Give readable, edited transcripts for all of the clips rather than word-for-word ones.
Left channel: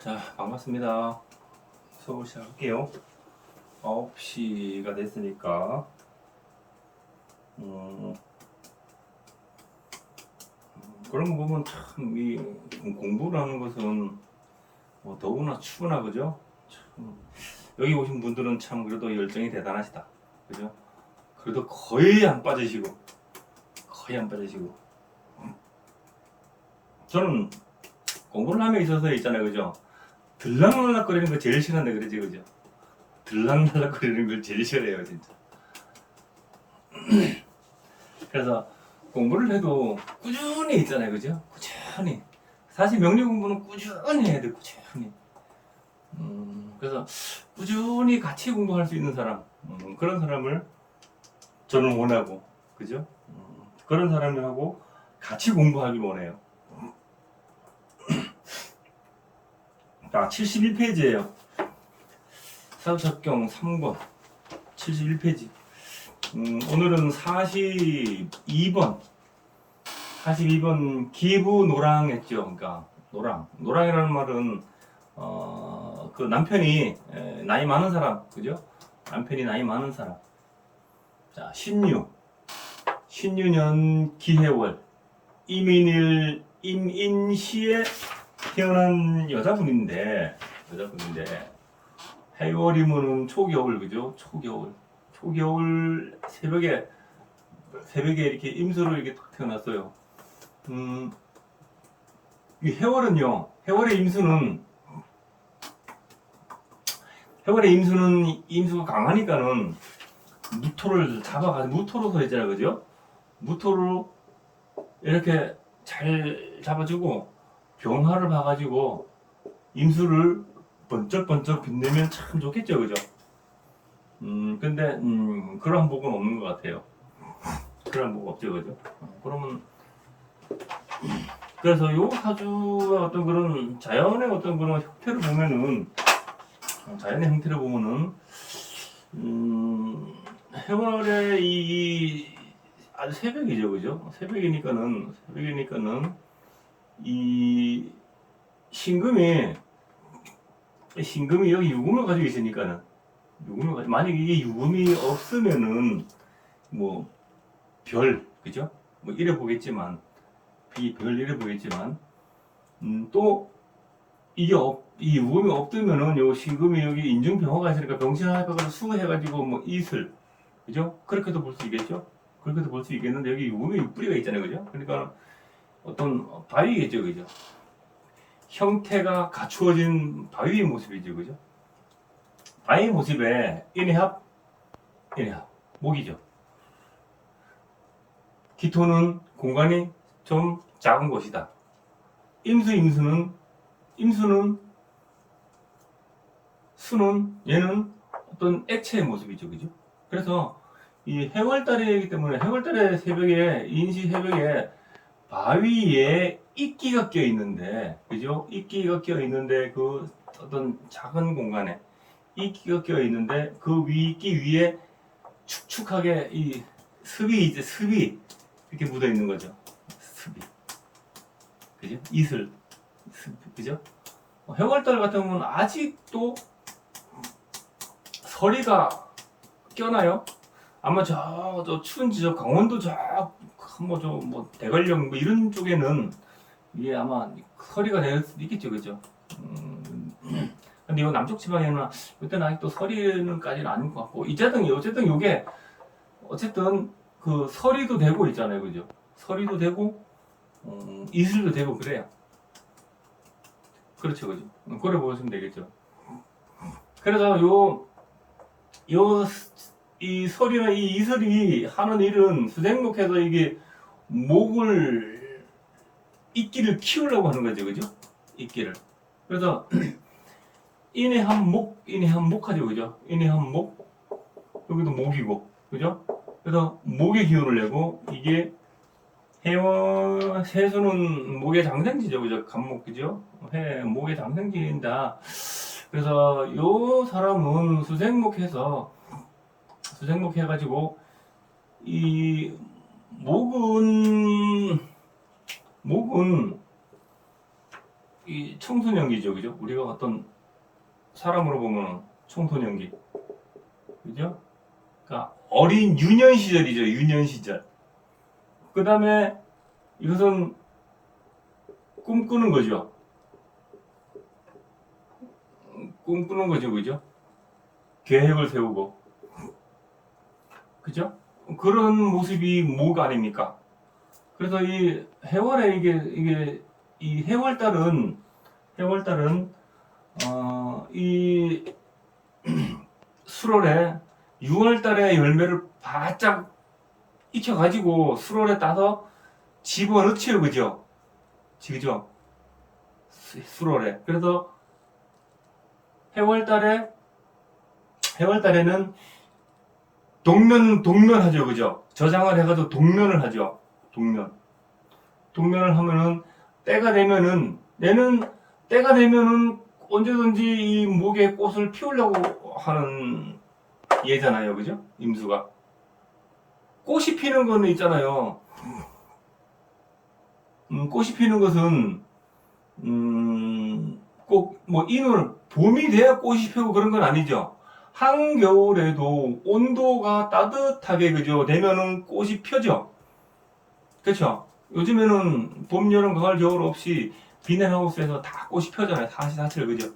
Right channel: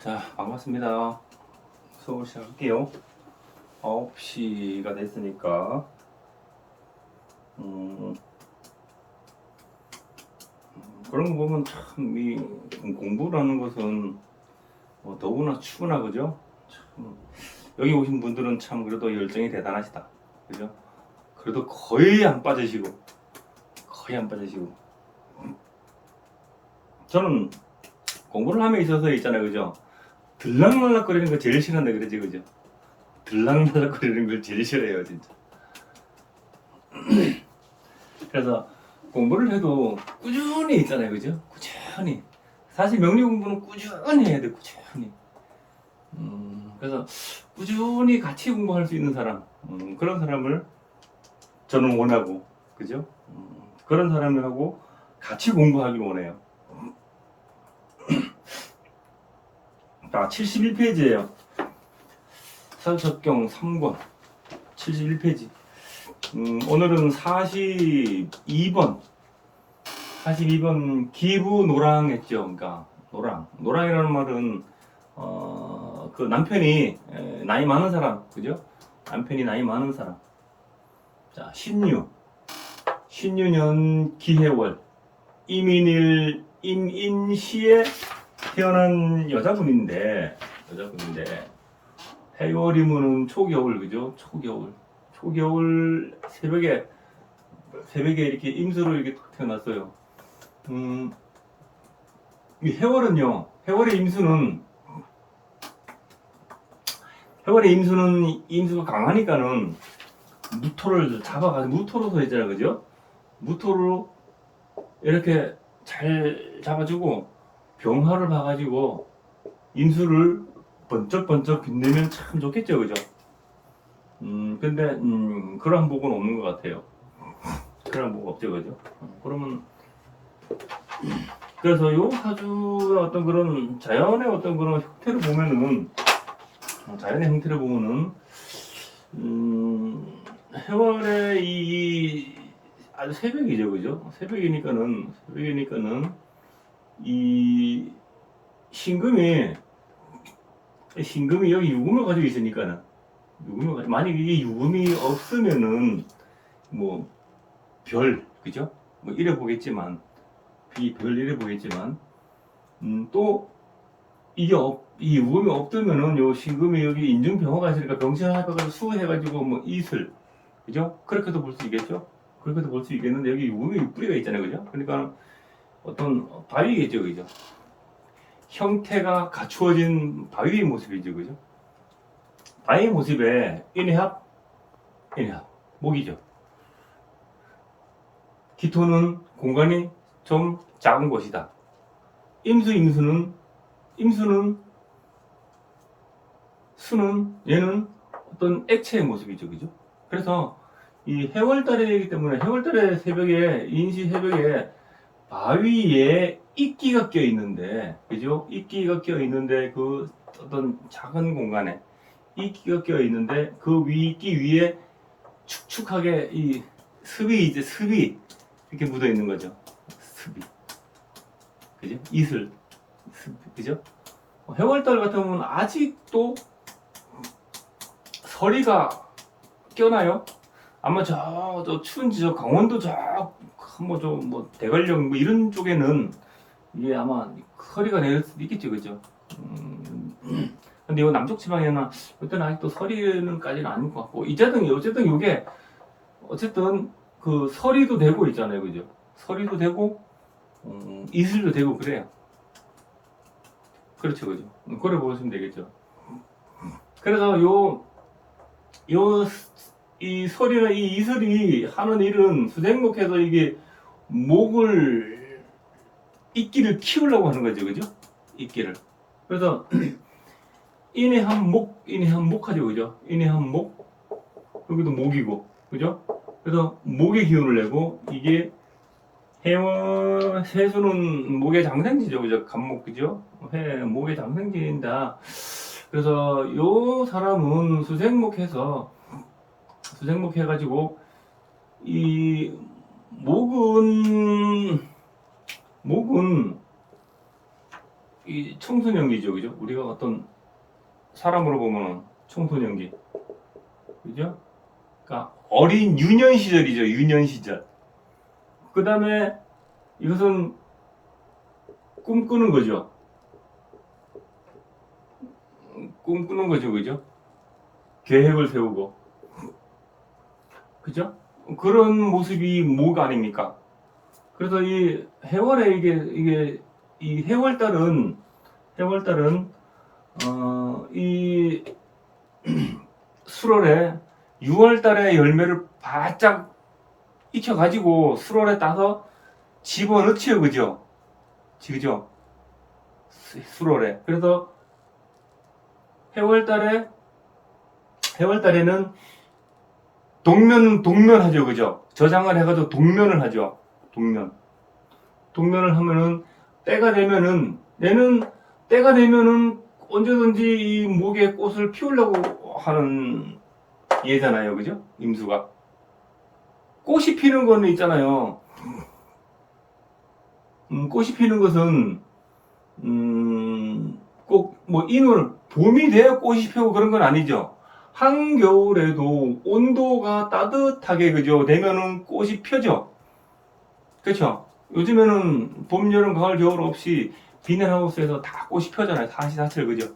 자, 반갑습니다. 수업을 시작할게요. 9시가 됐으니까 그런 거 보면 참 이 공부라는 것은 더구나 추구나 그죠? 참, 여기 오신 분들은 참 그래도 열정이 대단하시다. 그죠? 그래도 거의 안 빠지시고 저는 공부를 함에 있어서 있잖아요. 그죠? 들락날락거리는 거 제일 싫어한다 그러지. 그죠? 들락날락거리는 걸 제일 싫어해요 진짜. 그래서 공부를 해도 꾸준히 있잖아요. 그죠? 꾸준히. 사실 명리 공부는 꾸준히 해야 돼. 꾸준히. 그래서 꾸준히 같이 공부할 수 있는 사람, 그런 사람을 저는 원하고, 그죠? 그런 사람들하고 같이 공부하길 원해요. 자, 71페이지예요. 사주적경 3권 71페이지. 오늘은 42번 기부노랑 했죠. 그러니까 노랑이라는 말은 그 남편이 나이 많은 사람, 그죠? 남편이 나이 많은 사람. 자, 신유년 기해월 임인시에 태어난 여자분인데 해월이면은 초겨울, 그죠? 초겨울 새벽에 이렇게 임수로 이렇게 태어났어요. 이 해월은요, 해월의 임수가 강하니까는 무토를 잡아가지고 무토로서 있잖아요, 그죠? 무토로 이렇게 잘 잡아주고 병화를 봐가지고 임수를 번쩍번쩍 빛내면 참 좋겠죠, 그죠? 근데 그런 복은 없는 것 같아요. 그런 복 없죠, 그죠? 그러면 그래서 요 사주의 어떤 그런 자연의 어떤 그런 형태를 보면은 해월의 이 아주 새벽이죠, 그죠? 새벽이니까는 이 신금이 여기 유금을 가지고 있으니까는 만약 이게 유금이 없으면은 뭐 그죠? 뭐 이래 보겠지만 또 이게 이 유금이 없으면은 요 신금이 여기 인중병화가 있으니까 병신합해가지고 수해가지고 뭐 이슬, 그죠? 그렇게도 볼 수 있겠죠? 그렇게도 볼 수 있겠는데 여기 유금이 뿌리가 있잖아요, 그죠? 그러니까 어떤 바위겠죠, 그죠? 형태가 갖추어진 바위의 모습이죠, 그죠? 바위 모습에 인해합 목이죠. 기토는 공간이 좀 작은 곳이다. 수는 얘는 어떤 액체의 모습이죠, 그죠? 그래서 이 해월달이기 때문에 해월달의 새벽에 인시 새벽에 바위에 이끼가 껴 있는데, 그죠? 이끼가 껴 있는데 그 어떤 작은 공간에 이끼가 껴 있는데 그 이끼 위에 축축하게 이 습이 이렇게 묻어 있는 거죠. 습이, 그죠? 이슬, 그죠? 해월달 같은 경우는 아직도 서리가 껴나요? 아마 저 추운 지저 강원도 뭐 대관령 뭐 이런 쪽에는 이게 아마 서리가 내릴 수도 있겠죠, 그죠? 근데 요 남쪽 지방에는 이때는 아직도 서리는까지는 아닌 것 같고 어쨌든 요게 어쨌든 그 서리도 되고 있잖아요, 그죠? 서리도 되고 이슬도 되고 그래요. 그렇죠, 그죠? 그래 보시면 되겠죠. 그래서 이 서리나 이 이슬이 하는 일은 수생목해서 이게 이끼를 키우려고 하는 거죠, 그죠? 이끼를. 그래서 인해한목 하죠, 그죠? 인해한목, 여기도 목이고, 그죠? 그래서 목의 기운을 내고 이게 세수는 목의 장생지죠, 그죠? 간목, 그죠? 목의 장생지인다. 그래서 요 사람은 수생목 해가지고 이 목은 이 청소년기죠, 그죠? 우리가 어떤 사람으로 보면 청소년기, 그죠? 그러니까 어린 유년 시절이죠, 유년 시절. 그 다음에 이것은 꿈꾸는 거죠. 꿈꾸는 거죠, 그죠? 계획을 세우고, 그죠? 그런 모습이 목 아닙니까? 그래서 이 해월에 이 해월달은 이 수월에 6월달에 열매를 바짝 익혀가지고 수월에 따서 집어넣지요, 그죠? 그죠? 수월에. 그래서 해월달에는 동면하죠, 그죠? 저장을 해가지고 동면을 하죠. 동면을 하면은 때가 되면은 언제든지 이 목에 꽃을 피우려고 하는 예잖아요, 그죠? 임수가 꽃이 피는 거는 있잖아요. 꽃이 피는 것은 꼭 뭐 인월 봄이 돼야 꽃이 피고 그런 건 아니죠. 한겨울에도 온도가 따뜻하게 그죠 되면은 꽃이 펴죠. 그렇죠. 요즘에는 봄, 여름, 가을, 겨울 없이 비닐하우스에서 다 꽃이 펴잖아요. 사시사철 그죠.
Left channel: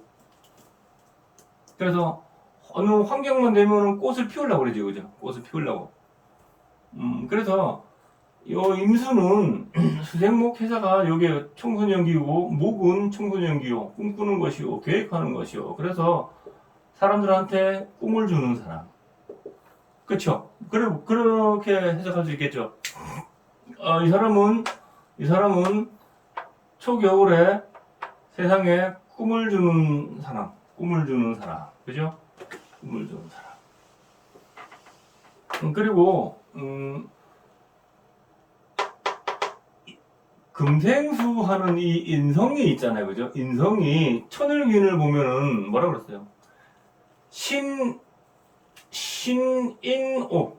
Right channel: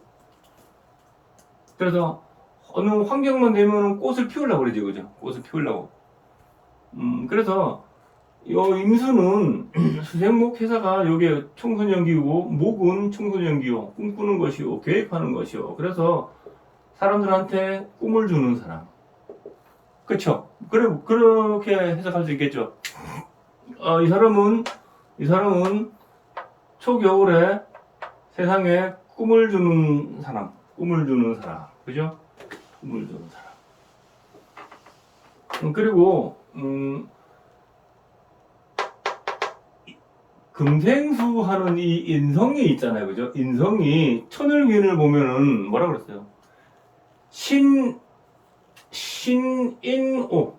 그래서 어느 환경만 되면은 꽃을 피우려고 그러죠, 그죠. 꽃을 피우려고. 그래서 요 임수는 수생목 회사가 요게 청소년기고 목은 청소년기요. 꿈꾸는 것이요. 계획하는 것이요. 그래서 사람들한테 꿈을 주는 사람. 그쵸? 그렇게 해석할 수 있겠죠. 이 사람은 초겨울에 세상에 꿈을 주는 사람. 그죠? 꿈을 주는 사람. 그리고, 금생수 하는 이 인성이 있잖아요. 그죠? 인성이 천을기운을 보면은 뭐라 그랬어요? 신인오.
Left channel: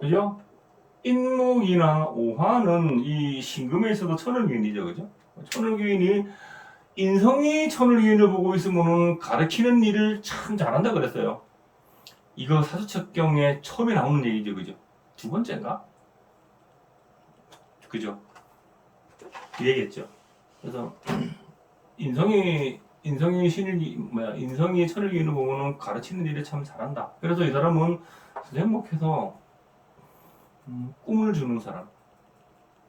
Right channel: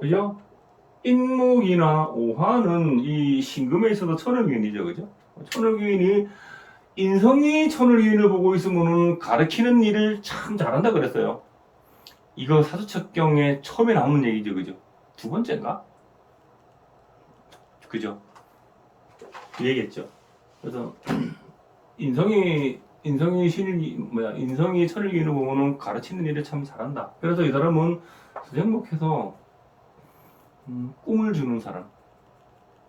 그죠? 인목이나 오화는 이 신금에 있어서 천을기운이죠. 그죠? 천을기운이 인성이 천을기운을 보고 있으면은 가르치는 일을 참 잘한다 그랬어요. 이거 사주책경에 처음에 나오는 얘기죠. 그죠? 두 번째인가? 그죠? 그 얘기했죠. 그래서 인성이 천을기운을 보면은 가르치는 일을 참 잘한다. 그래서 이 사람은 행복해서 꿈을 주는 사람.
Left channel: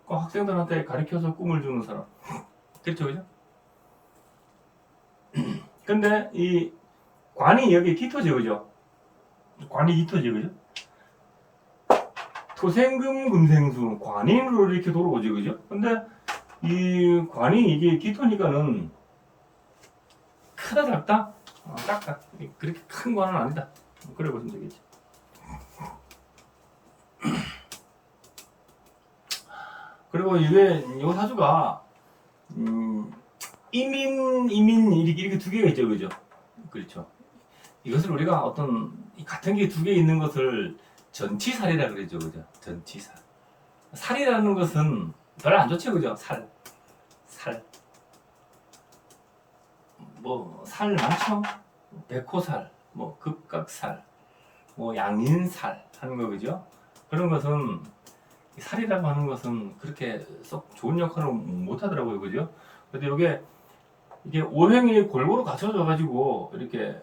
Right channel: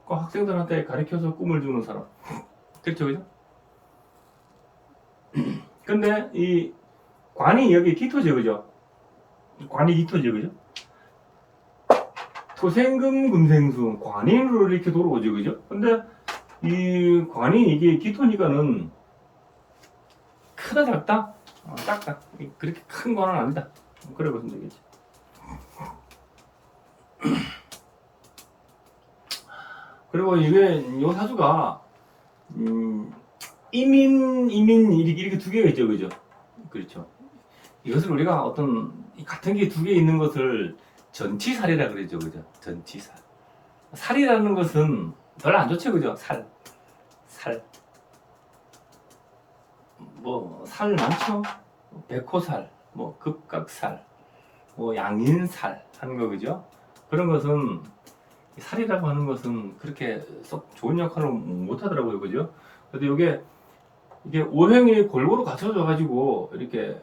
학생들한테 가르쳐서 꿈을 주는 사람. 그렇죠, 그죠? 근데 이 관이 여기 기토죠, 그죠? 관이 기토죠, 그죠? 토생금 금생수 관인으로 이렇게 돌아오죠, 그죠? 근데 이 관이 이게 기토니까는 크다 작다? 작다. 그렇게 큰 관은 아니다. 그래 보시면 되겠지. 그리고 이게 요 사주가 이민 이렇게 두 개가 있죠, 그죠? 그렇죠. 이것을 우리가 어떤 같은 게 두 개 있는 것을 전치살이라 그러죠, 그죠? 전치살. 살이라는 것은 별로 안 좋죠, 그죠? 살. 뭐 살 많죠? 백호살, 뭐 급각살, 뭐 양인살 하는 거 그죠? 그런 것은 살이라고 하는 것은 그렇게 썩 좋은 역할을 못 하더라고요, 그죠? 근데 이게 오행이 골고루 갖춰져 가지고 이렇게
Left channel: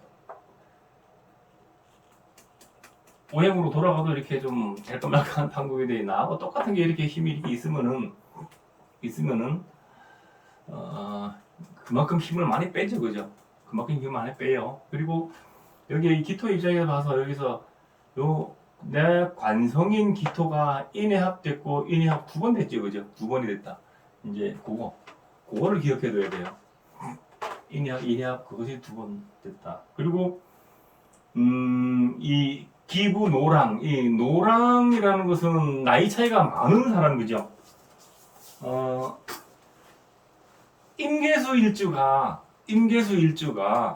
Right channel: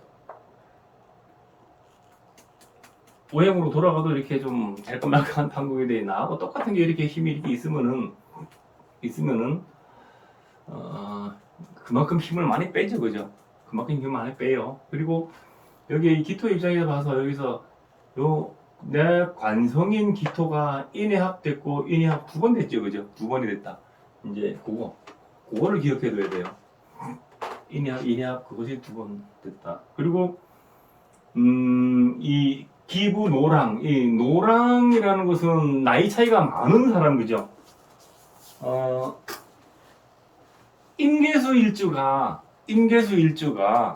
오행으로 돌아가도 이렇게 좀 잘것말것한 판국이 돼 있나? 똑같은 게 이렇게 힘이 이렇게 있으면은 그만큼 힘을 많이 빼죠, 그죠? 그만큼 힘을 많이 빼요. 그리고 여기 기토 입장에서 봐서 여기서 내 관성인 기토가 인해합됐고 인해합 두 번 됐죠, 그죠? 두 번이 됐다. 이제 그거를 기억해둬야 돼요. 인해합 그것이 두 번 됐다. 그리고 이 기부 노랑, 이 노랑이라는 것은 나이 차이가 많은 사람, 그죠? 임계수 일주가 임계수 일주가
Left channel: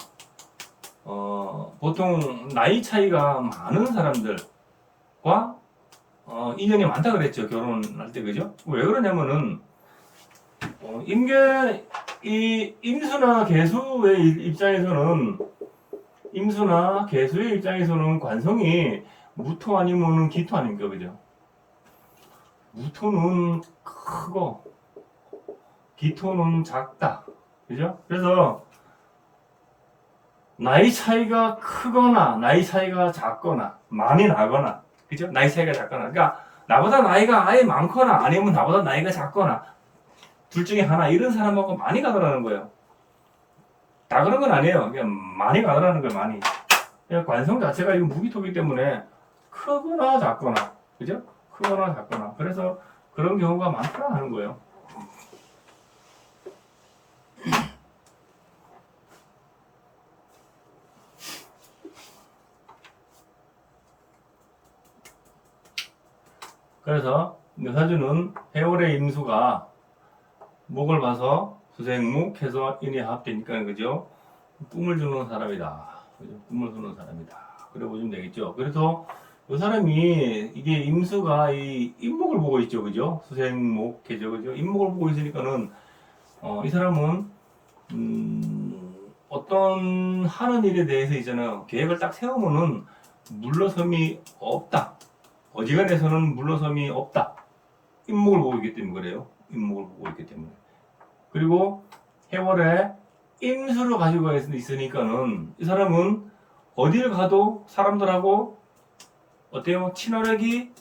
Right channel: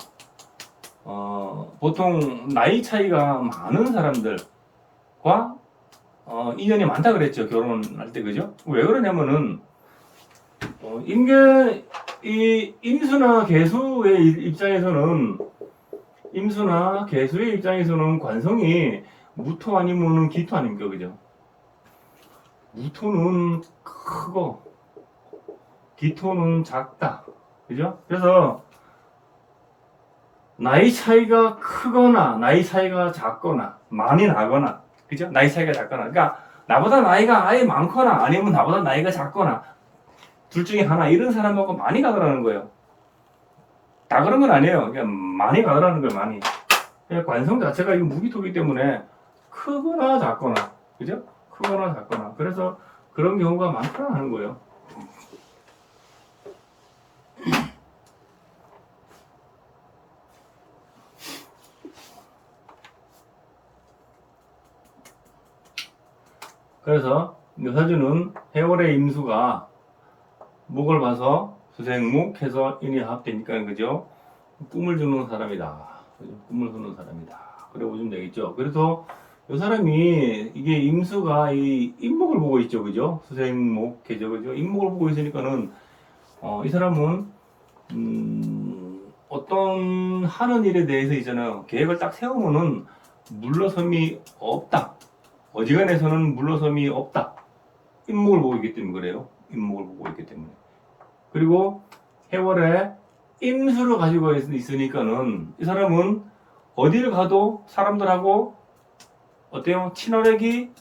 보통 나이 차이가 많은 사람들과 인연이 많다 그랬죠. 결혼할 때. 그죠? 왜 그러냐면은 임수나 개수의 입장에서는 관성이 무토 아니면은 기토 아닙니까? 그죠? 무토는 크고 기토는 작다. 그죠? 그래서 나이 차이가 크거나 나이 차이가 작거나 많이 나거나, 그죠? 나이 차이가 작거나, 그러니까 나보다 나이가 아예 많거나 아니면 나보다 나이가 작거나 둘 중에 하나, 이런 사람하고 많이 가더라는 거예요. 다 그런 건 아니에요. 그냥 많이 가더라는 거예요. 많이. 그냥 관성 자체가 이거 무기토기 때문에 크거나 작거나, 그죠? 크거나 작거나. 그래서 그런 경우가 많더라 하는 거예요. 그래서 사주는 해월의 임수가 목을 봐서 수생목 해서 인이 합되니까, 그죠? 꿈을 주는 사람이다. 그죠? 꿈을 주는 사람이다. 그래 보시면 되겠죠. 그래서 이 사람이, 이게 임수가 이 임목을 보고 있죠. 그죠? 수생목 해죠. 그죠? 임목을 보고 있으니까는 이 사람은 어떤 하는 일에 대해서 있잖아요. 계획을 딱 세우면은 물러섬이 없다. 어지간해서는 물러섬이 없다. 임목을 보고 있기 때문에 그래요. 임목을 보고 있기 때문에. 그리고 해월에 임수를 가지고 있으니까는 이 사람은 어디를 가도 사람들하고 어때요? 친화력이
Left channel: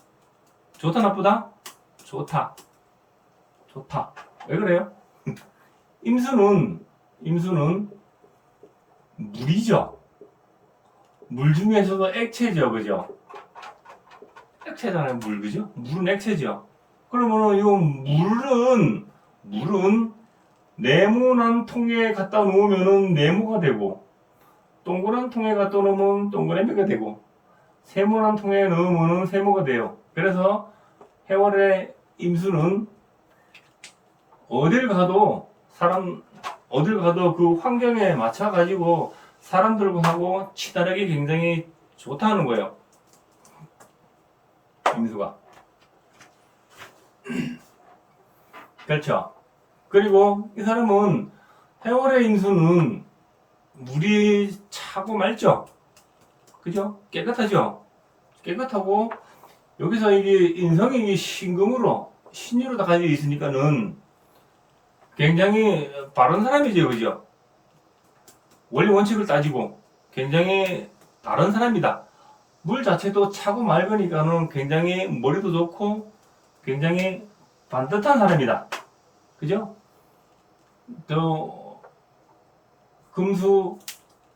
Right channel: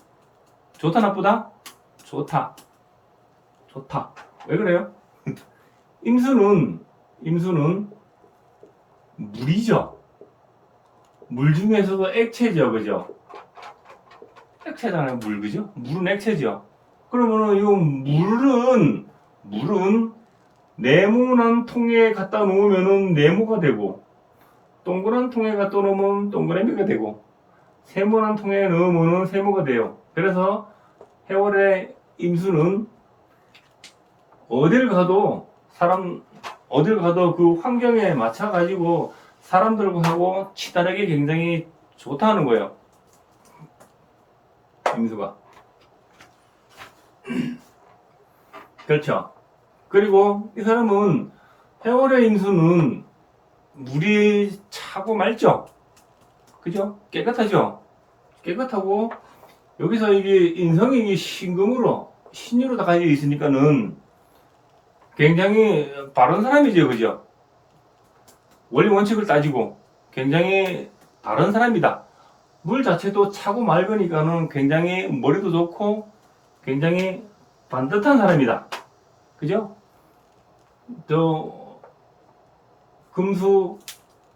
좋다 나쁘다? 좋다. 좋다. 왜 그래요? 임수는 물이죠. 물 중에서도 액체죠. 그죠? 액체잖아요. 물. 그죠? 물은 액체죠. 그러면은 이 물은 네모난 통에 갖다 놓으면은 네모가 되고, 동그란 통에 갖다 놓으면 동그라미가 되고, 세모난 통에 넣으면은 세모가 돼요. 그래서 해월의 임수는 어딜 가도 그 환경에 맞춰 가지고 사람들하고 친화력이 굉장히 좋다는 거예요. 임수가. 그렇죠. 그리고 이 사람은, 해월의 임수는 물이 차고 맑죠. 그죠? 깨끗하죠. 깨끗하고, 여기서 이게 인성이 신금으로 신유로 다 가지고 있으니까는 굉장히 바른 사람이죠. 그죠? 원리 원칙을 따지고 굉장히 바른 사람이다. 물 자체도 차고 맑으니까는 굉장히 머리도 좋고 굉장히 반듯한 사람이다. 그죠? 또 금수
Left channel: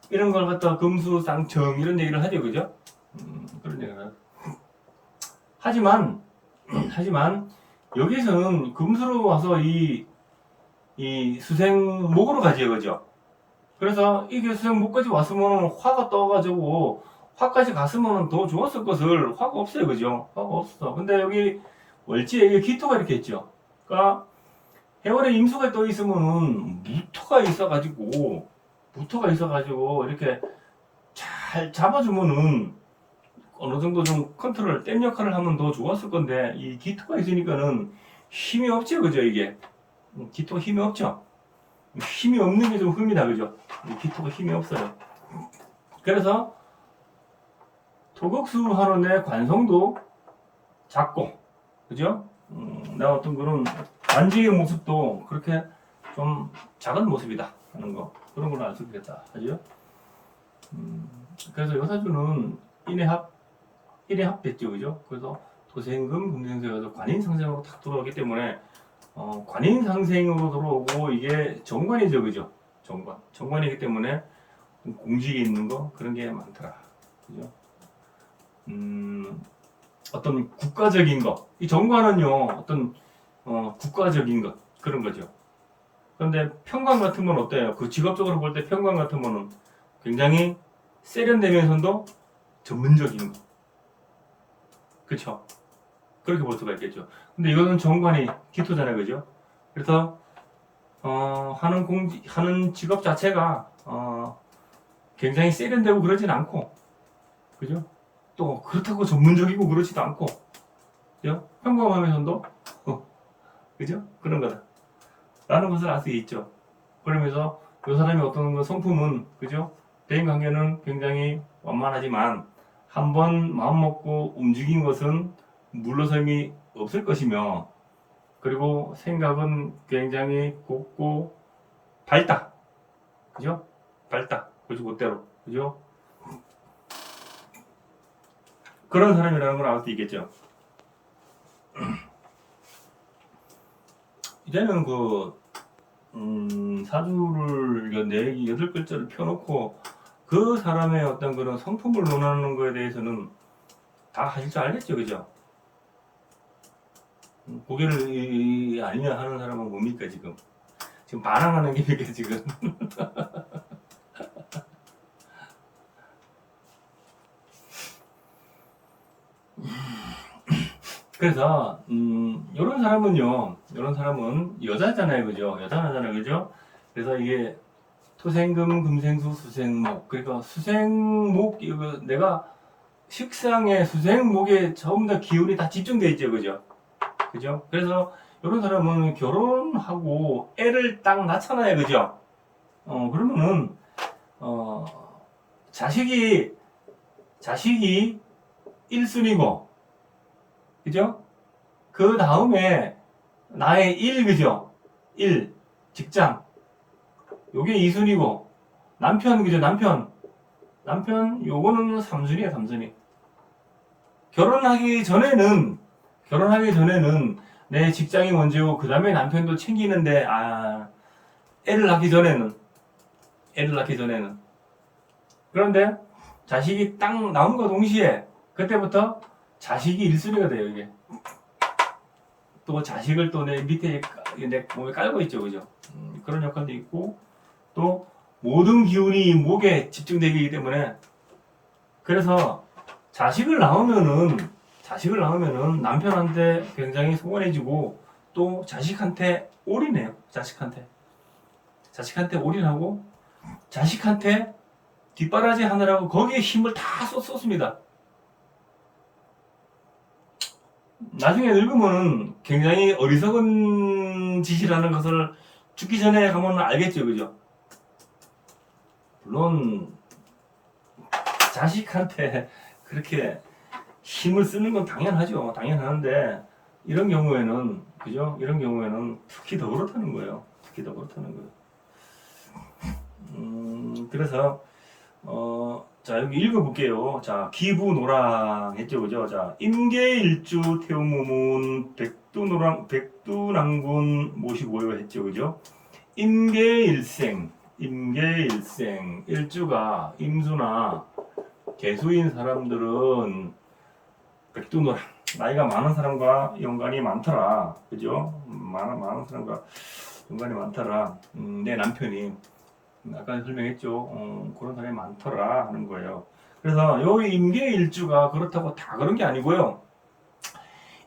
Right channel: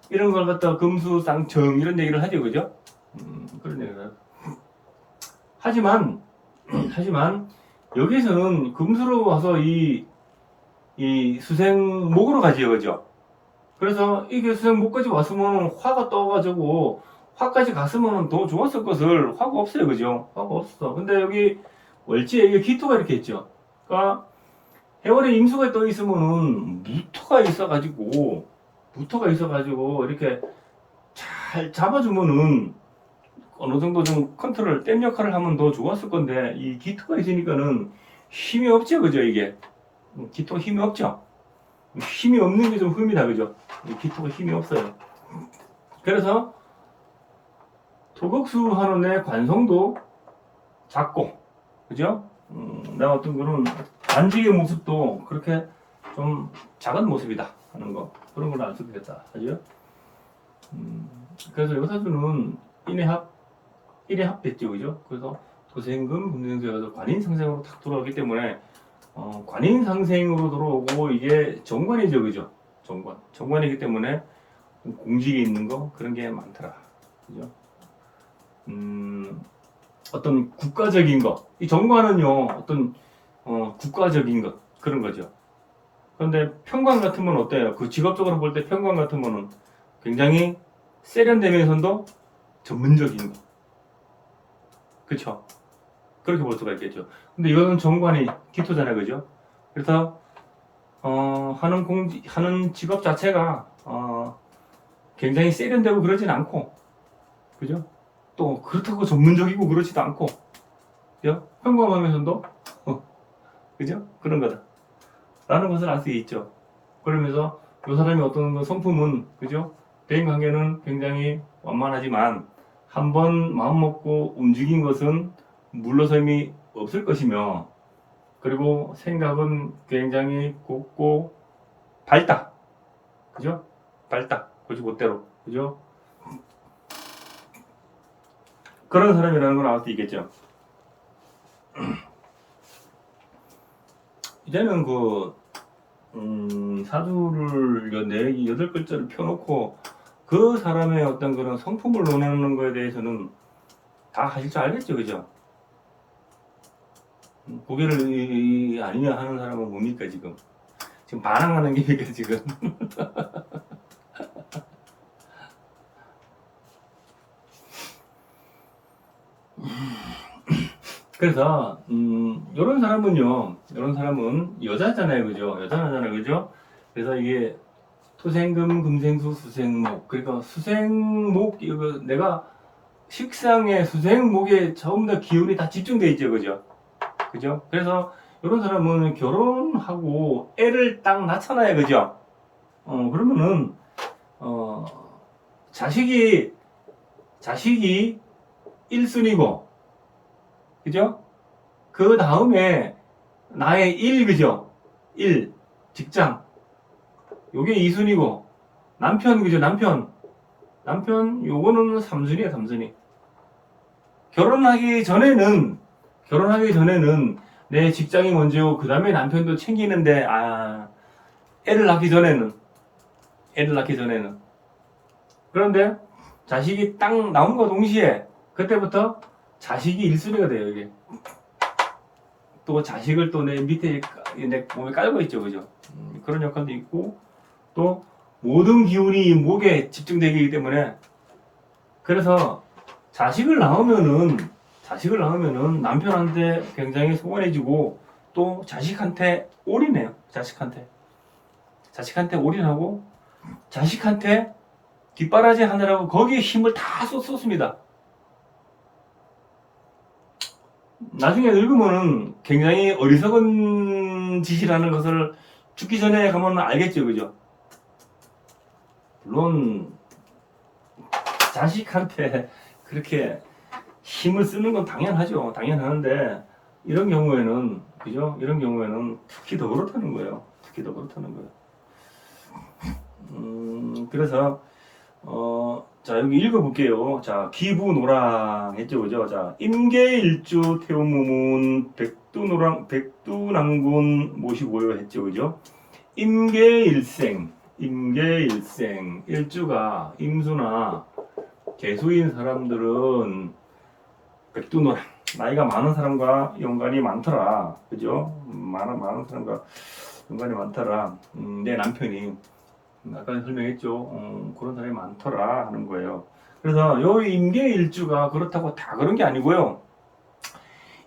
이런 걸 갖다 금수쌍청 이런 얘기를 하죠. 그죠? 그런 얘기를 해요. 하지만 여기서는 금수로 와서 이 수생목으로 가지요. 그죠? 그래서 이게 수생목까지 왔으면 화가 떠가지고 화까지 갔으면 더 좋았을 것을, 화가 없어요. 그죠? 화가 없어. 근데 여기 월지에 이게 기토가 이렇게 있죠. 그러니까 해월에 임수가 떠 있으면은 무토가 있어가지고 이렇게 잘 잡아주면은 어느 정도 좀 컨트롤, 댐 역할을 하면 더 좋았을 건데, 이 기토가 있으니까는 힘이 없죠. 그죠? 이게 기토가 힘이 없죠. 힘이 없는 게 좀 흠이다. 그죠? 이 기토가 힘이 없어요. 그래서 토극수 하는 애 관성도 작고, 그죠? 나 어떤 그런 만지의 모습도 그렇게 좀 작은 모습이다 하는 거, 그런 걸로 알 수 있겠다 하죠. 그래서 요사주는 인의 합됐죠. 그죠? 그래서 도생금 금생수에서 관인상생으로 탁 돌아오기 때문에 관인상생으로 들어오고, 이게 정관이죠. 그죠? 정관이기 때문에 공직이 있는 거, 그런 게 많더라. 그죠? 어떤 국가적인 거, 이 정관은요 어떤 국가적인 것, 그런 거죠. 그런데 평관 같으면 어때요? 그 직업적으로 볼 때 평관 같으면은 굉장히 세련되면서도 전문적인 거, 그쵸? 그렇게 볼 수가 있겠죠. 근데 이거는 정관이 기토잖아요. 그죠? 그래서 하는 직업 자체가 굉장히 세련되고 그러진 않고, 그죠? 또 그렇다고 전문적이고 그러지도 않고, 그죠? 평범하면서도 그죠? 그런 거다 라는 것을 알 수 있죠. 그러면서 이 사람이 어떤 성품은, 그죠? 대인관계는 굉장히 완만하지만 한번 마음먹고 움직인 것은 물러섬이 없을 것이며, 그리고 생각은 굉장히 곱고 밝다, 그죠? 밝다, 곧대로, 그죠? 그런 사람이라는 걸 알 수 있겠죠. 이제는 사주를 네 여덟 글자를 펴놓고 그 사람의 어떤 그런 성품을 논하는 거에 대해서는 다 하실 줄 알겠죠, 그죠? 고개를 아니냐 하는 사람은 뭡니까 지금? 지금 반항하는 게니까 지금. 그래서 이런 사람은 여자잖아요, 그죠? 여자잖아요, 그죠? 그래서 이게 토생금, 금생수, 수생목. 그러니까 수생목, 이거 내가 식상에 수생목에 전부 다 기운이 다 집중돼 있죠, 그죠? 그죠? 그래서 이런 사람은 결혼하고 애를 딱 낳잖아요, 그죠? 그러면은 어 자식이 1순위고, 그죠? 그 다음에 나의 일, 그죠? 일, 직장, 요게 2순위고, 남편, 그죠? 남편 요거는 3순위야, 3순위. 결혼하기 전에는 내 직장이 먼저고 그 다음에 남편도 챙기는데, 애를 낳기 전에는 그런데 자식이 딱 나온과 동시에 그때부터 자식이 1순위가 돼요, 이게. 또 자식을 또 내 밑에 내 몸에 깔고 있죠, 그죠? 그런 역할도 있고, 또 모든 기운이 목에 집중되기 때문에, 그래서 자식을 낳으면은 남편한테 굉장히 소원해지고, 또 자식한테 올인해요. 자식한테 올인하고, 자식한테 뒷바라지 하느라고 거기에 힘을 다 쏟습니다. 나중에 늙으면은 굉장히 어리석은 짓이라는 것을 죽기 전에 가면 알겠죠, 그죠? 물론 자식한테 그렇게 힘을 쓰는 건 당연하는데, 이런 경우에는, 그죠? 이런 경우에는 특히 더 그렇다는 거예요. 그래서 자, 여기 읽어볼게요. 자, 기부노랑 했죠, 그죠? 자, 임계일주 태우무문 백두낭군 모시고요 했죠, 그죠? 임계일생, 일주가 임수나 개수인 사람들은 백두노랑, 나이가 많은 사람과 연관이 많더라, 그죠? 많은 사람과 연관이 많더라. 내 남편이 아까 설명했죠. 그런 사람이 많더라 하는 거예요. 그래서 요 임계일주가 그렇다고 다 그런 게 아니고요.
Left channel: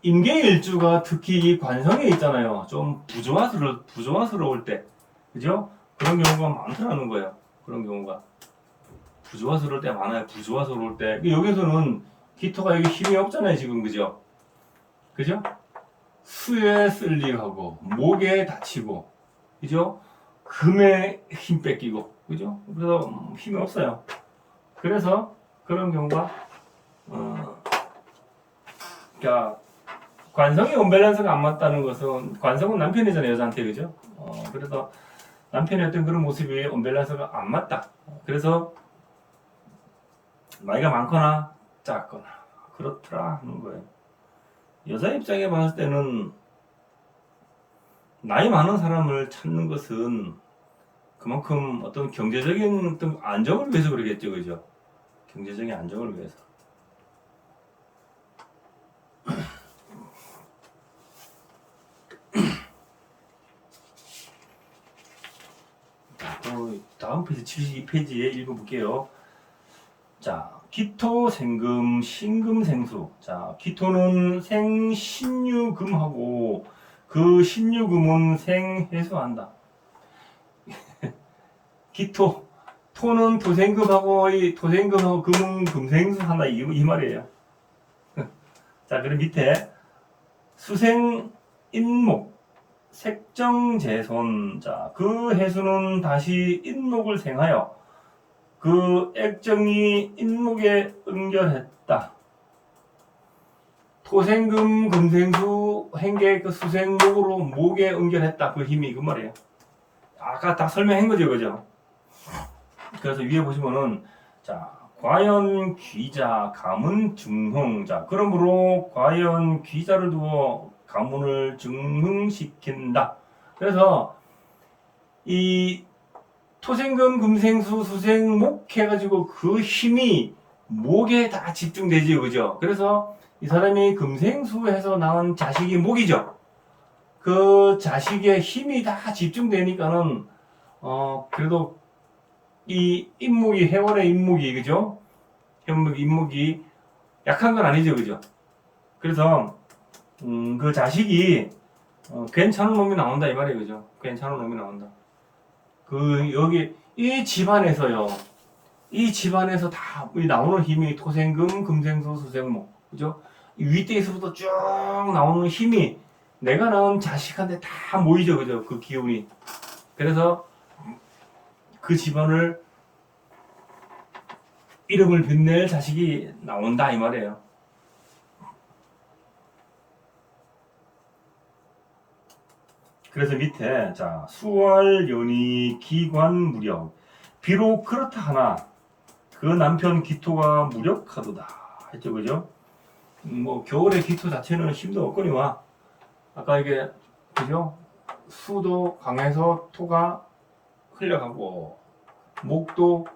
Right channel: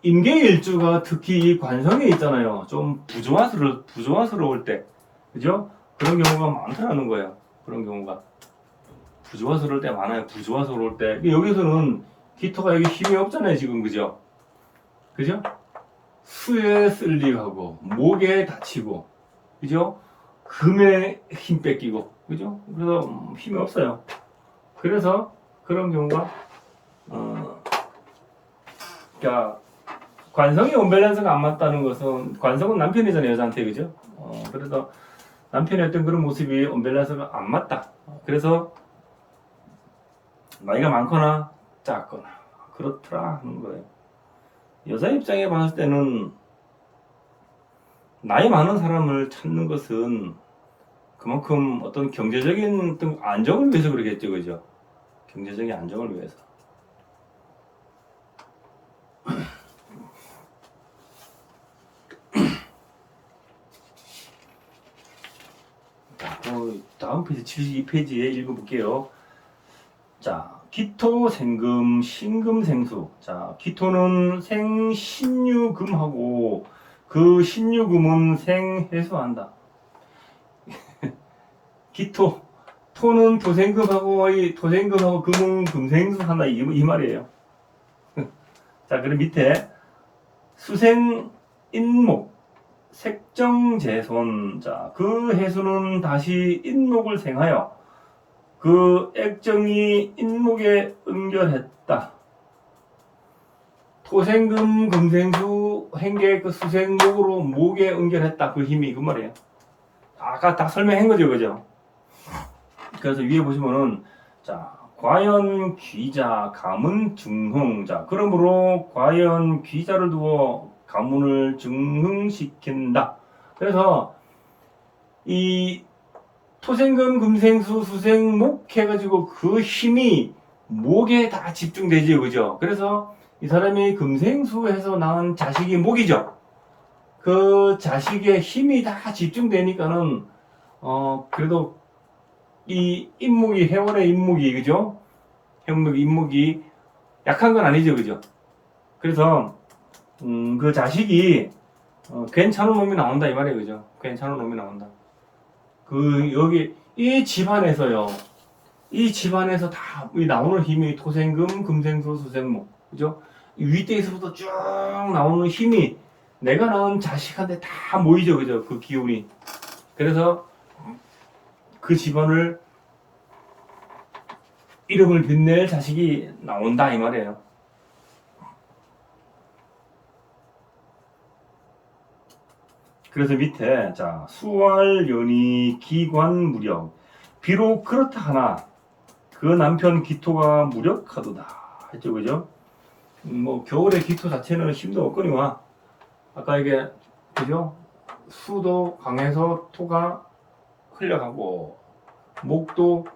임계일주가 특히 이 관성에 있잖아요. 좀 부조화스러울 때, 그죠? 그런 경우가 많더라는 거예요. 그런 경우가 부조화스러울 때 많아요. 부조화스러울 때. 여기서는 기토가 여기 힘이 없잖아요, 지금, 그죠? 수에 쓸리하고 목에 다치고, 그죠? 금에 힘 뺏기고, 그죠? 그래서 힘이 없어요. 그래서 그런 경우가 그러니까 관성이 언밸런스가 안 맞다는 것은, 관성은 남편이잖아요, 여자한테, 그죠? 그래서 남편의 어떤 그런 모습이 언밸런스가 안 맞다. 그래서 나이가 많거나 작거나 그렇더라 하는 거예요. 여자 입장에 봤을 때는 나이 많은 사람을 찾는 것은 그만큼 어떤 경제적인 어떤 안정을 위해서 그러겠죠, 그죠? 경제적인 안정을 위해서. 자, 또 다음 페이지 72페이지에 읽어볼게요. 자, 기토, 생금, 신금, 생수. 자, 기토는 생신유금하고 그 신유금은 생해수한다. 기토. 토는 토생금하고 이 토생금하고 금은 금생수 한다 이 말이에요. 자, 그리고 밑에 수생 인목 색정재손. 자, 그 해수는 다시 인목을 생하여 그 액정이 인목에 응결했다. 토생금 금생수 행계 그 수생목으로 목에 응결했다. 그 힘이 그 말이에요. 아까 다 설명한 거죠, 그죠? 그래서 위에 보시면은 자, 과연 귀자 가문 증흥. 자, 그러므로 과연 귀자를 두어 가문을 증흥시킨다. 그래서 이 토생금 금생수 수생목 해가지고 그 힘이 목에 다 집중되죠, 그죠? 그래서 이 사람이 금생수해서 낳은 자식이 목이죠. 그 자식의 힘이 다 집중되니까는 그래도 이 인목이 해월의 인목이 그죠? 해월 인목이 약한 건 아니죠, 그죠? 그래서 그 자식이 괜찮은 놈이 나온다 이 말이에요, 그죠? 괜찮은 놈이 나온다. 그 여기 이 집안에서요, 이 집안에서 다 나오는 힘이 토생금, 금생수, 수생목, 그죠? 이 윗대에서부터 쭉 나오는 힘이 내가 낳은 자식한테 다 모이죠, 그죠? 그 기운이. 그래서 그 집안을 이름을 빛낼 자식이 나온다 이 말이에요. 그래서 밑에 자, 수월 연이 기관 무력. 비록 그렇다 하나 그 남편 기토가 무력하도다 했죠, 그죠? 뭐 겨울에 기토 자체는 힘도 없거니와 아까 이게 그죠? 수도 강해서 토가 흘러가고 목도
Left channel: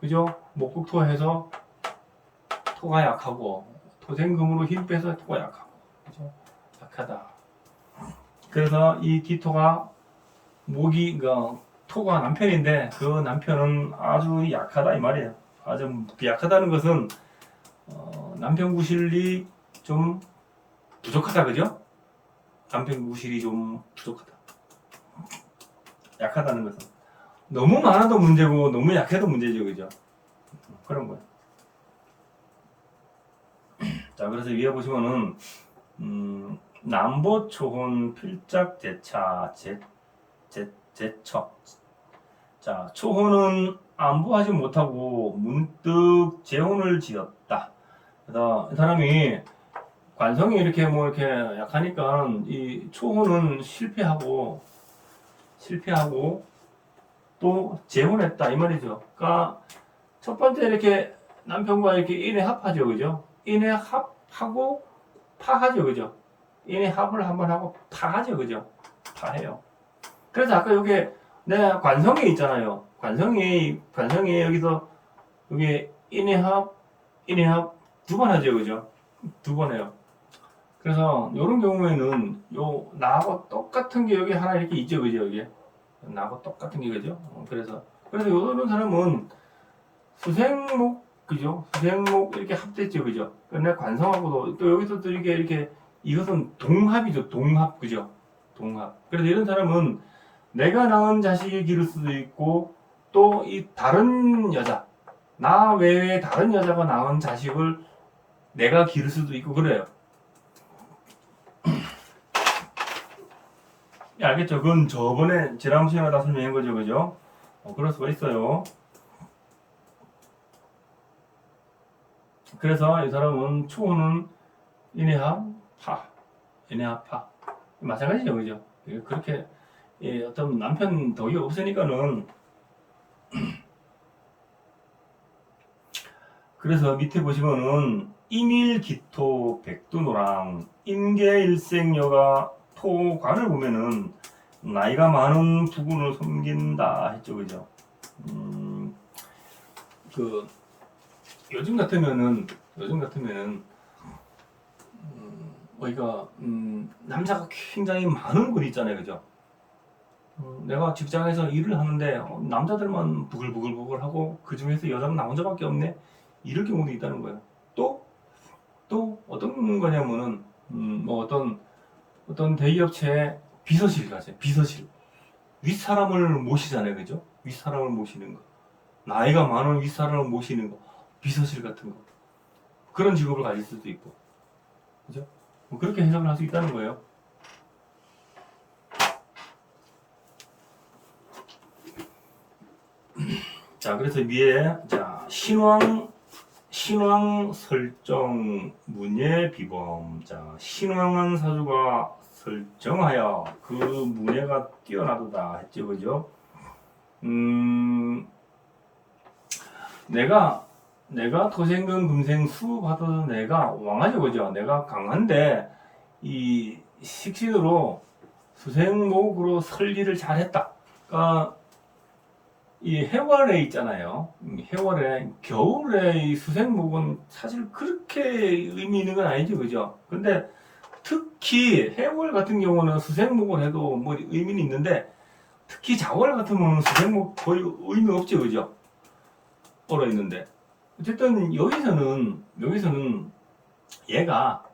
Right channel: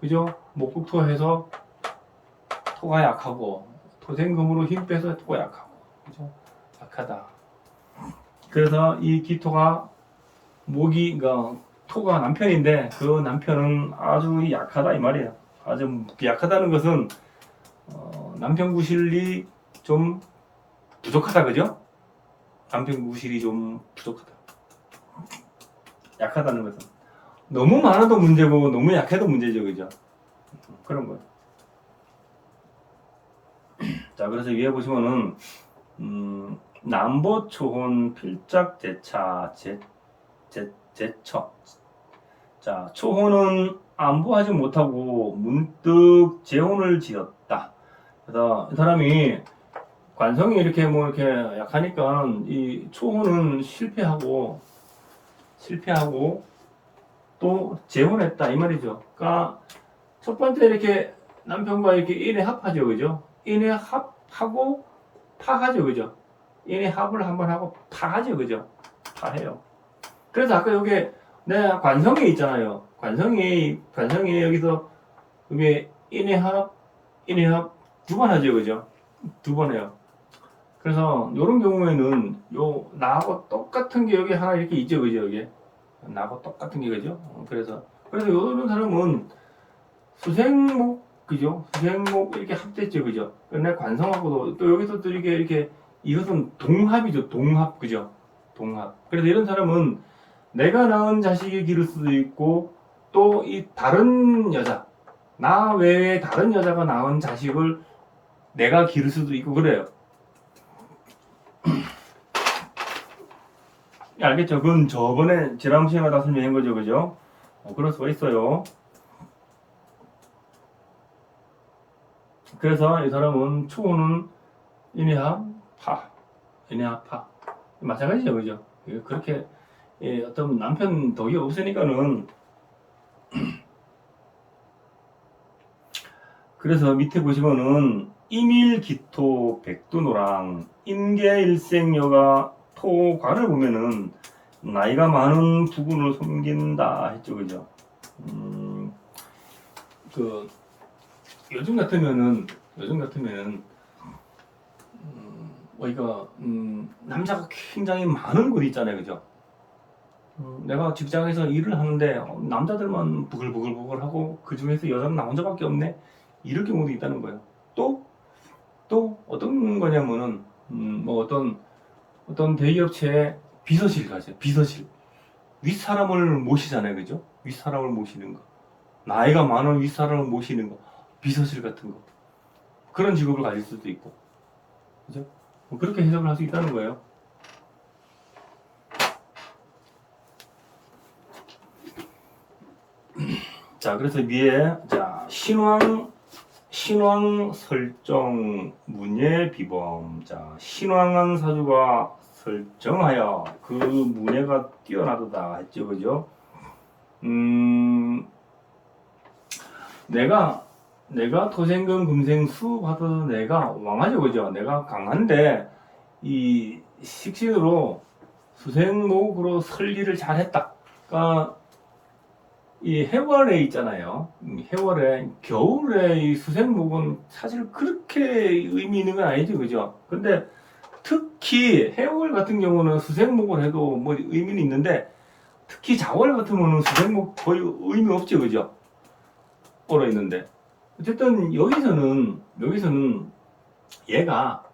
그죠? 목국토해서 토가 약하고 토생금으로 힘 빼서 토가 약하고 그죠? 약하다. 그래서 이 기토가 목이 그러니까 토가 남편인데 그 남편은 아주 약하다 이 말이에요. 아주 약하다는 것은 남편 구실이 좀 부족하다 그죠? 남편 구실이 좀 부족하다. 약하다는 것은 너무 많아도 문제고 너무 약해도 문제죠, 그죠? 그런 거. 자, 그래서 위에 보시면은 남보 초혼 필작 제차 제처. 자, 초혼은 안보하지 못하고 문득 재혼을 지었다. 그래서 이 사람이 관성이 이렇게 뭐 이렇게 약하니까 이 초혼은 실패하고 또 재혼했다 이 말이죠. 그러니까 첫 번째 이렇게 남편과 이렇게 인해 합하죠, 그죠? 인해 합하고 파하죠, 그죠? 인해 합을 한번 하고 파하죠, 그죠? 파해요. 그래서 아까 여기 내 관성이 있잖아요. 관성이 여기서 여기 인해 합 두 번 하죠, 그죠? 두 번 해요. 그래서 이런 경우에는 요 나하고 똑같은 게 여기 하나 이렇게 있죠, 그죠? 여기 나하고 똑같은 게 그죠? 그래서 이런 사람은 수생목 그죠? 수생목 이렇게 합됐죠, 그죠? 근데 관성하고도 또 여기서 또 이렇게 이것은 동합이죠, 동합 그죠? 동합. 그래서 이런 사람은 내가 낳은 자식이 기를 수도 있고 또 이 다른 여자 나 외에 다른 여자가 낳은 자식을 내가 기를 수도 있고 그래요. 알겠죠? 그건 저번에 지난 시간에 다 설명한 거죠, 그죠? 그럴 수가 있어요. 그래서 이 사람은 초는 인해합 파, 인해합 파 마찬가지죠, 그죠? 그렇게 어떤 남편 덕이 없으니까는 그래서 밑에 보시면은 이밀기토 백두노랑 인계일생여가 토과를 보면은 나이가 많은 부군을 섬긴다 했죠, 그죠? 그 요즘 같으면은 우리가 남자가 굉장히 많은 곳 있잖아요, 그죠? 내가 직장에서 일을 하는데 남자들만 부글부글 하고 그 중에서 여자는 나 혼자밖에 없네 이럴 경우도 있다는 거예요. 또 어떤 거냐면은 뭐 어떤 대기업체에 비서실 가세요. 비서실 윗사람을 모시잖아요, 그죠? 윗사람을 모시는 거, 나이가 많은 윗사람을 모시는 거, 비서실 같은 거, 그런 직업을 가질 수도 있고, 그죠? 뭐 그렇게 해석을 할 수 있다는 거예요. 자, 그래서 위에 자 신왕 설정 문예 비범. 자, 신왕은 사주가 설정하여 그 문예가 뛰어나도다 했죠, 그죠? 내가 토생금 금생수 받아도 내가 왕하죠, 그죠? 내가 강한데 이 식신으로 수생목으로 설기를 잘했다. 그러니까 이 해월에 있잖아요. 해월에 겨울에 이 수생목은 사실 그렇게 의미 있는 건 아니죠, 그죠? 근데 특히 해월 같은 경우는 수생목을 해도 뭐 의미는 있는데 특히 자월 같은 경우는 수생목 거의 의미 없죠, 그죠? 얼어 있는데 어쨌든 여기서는 얘가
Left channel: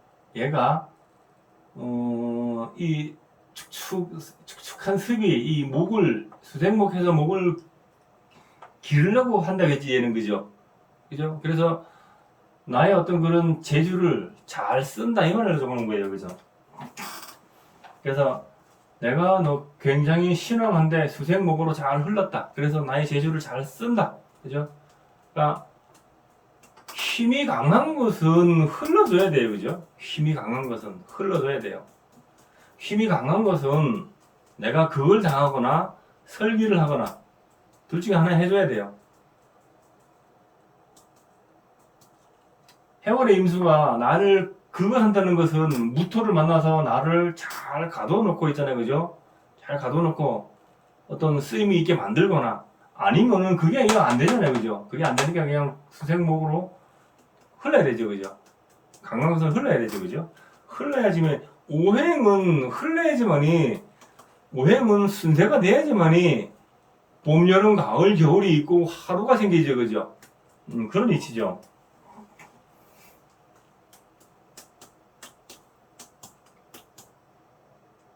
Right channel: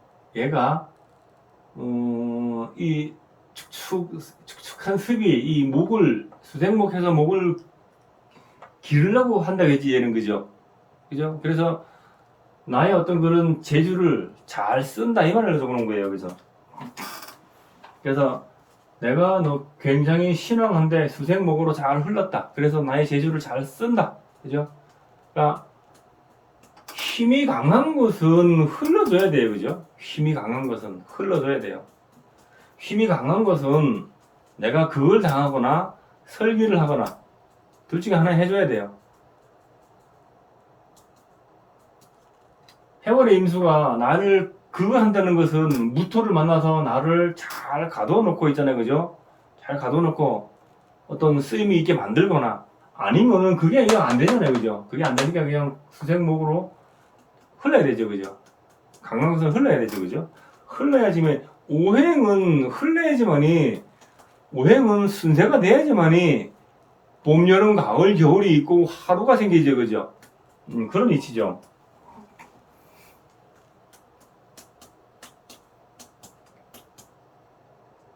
이 축축한 습이 이 목을 수생목해서 목을 기르려고 한다겠지, 얘는, 그죠? 그죠? 그래서 나의 어떤 그런 재주를 잘 쓴다 이 말을 적어놓은 거예요, 여기서. 그래서 내가 너 굉장히 신앙한데 수생목으로 잘 흘렀다. 그래서 나의 재주를 잘 쓴다, 그죠? 그러니까 힘이 강한 것은 흘러줘야 돼요, 그죠? 힘이 강한 것은 흘러줘야 돼요. 힘이 강한 것은 내가 그걸 당하거나 설기를 하거나 둘 중에 하나 해줘야 돼요. 해월의 임수가 나를 그거 한다는 것은 무토를 만나서 나를 잘 가둬놓고 있잖아요, 그죠? 잘 가둬놓고 어떤 쓰임이 있게 만들거나 아니면은 그게 그냥 안 되잖아요, 그죠? 그게 안 되니까 그냥 수생목으로 흘러야 되죠, 그죠? 강한 것은 흘러야 되죠, 그죠? 흘러야지만 오행은 흘러야지만이 오행은 순세가 돼야지만이 봄, 여름, 가을, 겨울이 있고 하루가 생기죠, 그죠? 그런 위치죠.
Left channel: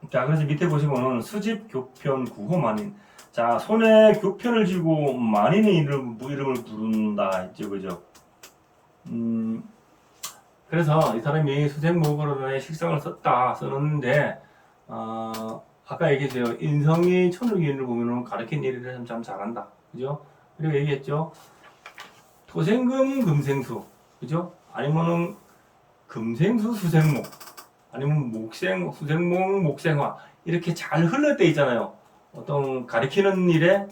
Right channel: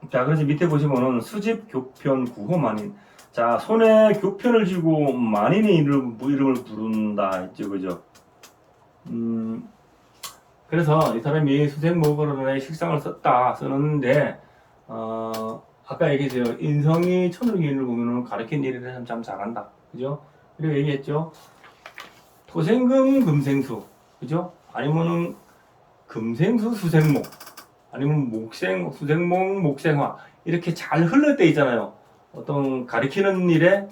자, 그래서 밑에 보시면은 수집 교편 구호만인. 자, 손에 교편을 쥐고 만인의 이름을 부른다 했죠, 그죠? 그래서 이 사람이 수생목으로의 식상을 써놨는데, 아까 얘기했어요. 인성이 천을기인을 보면은 가르친 일에 참 잘한다. 그죠? 그리고 얘기했죠. 토생금 금생수. 그죠? 아니면은 금생수 수생목. 아니면 수생목, 목생화. 이렇게 잘 흘러 때 있잖아요. 어떤 가르치는 일에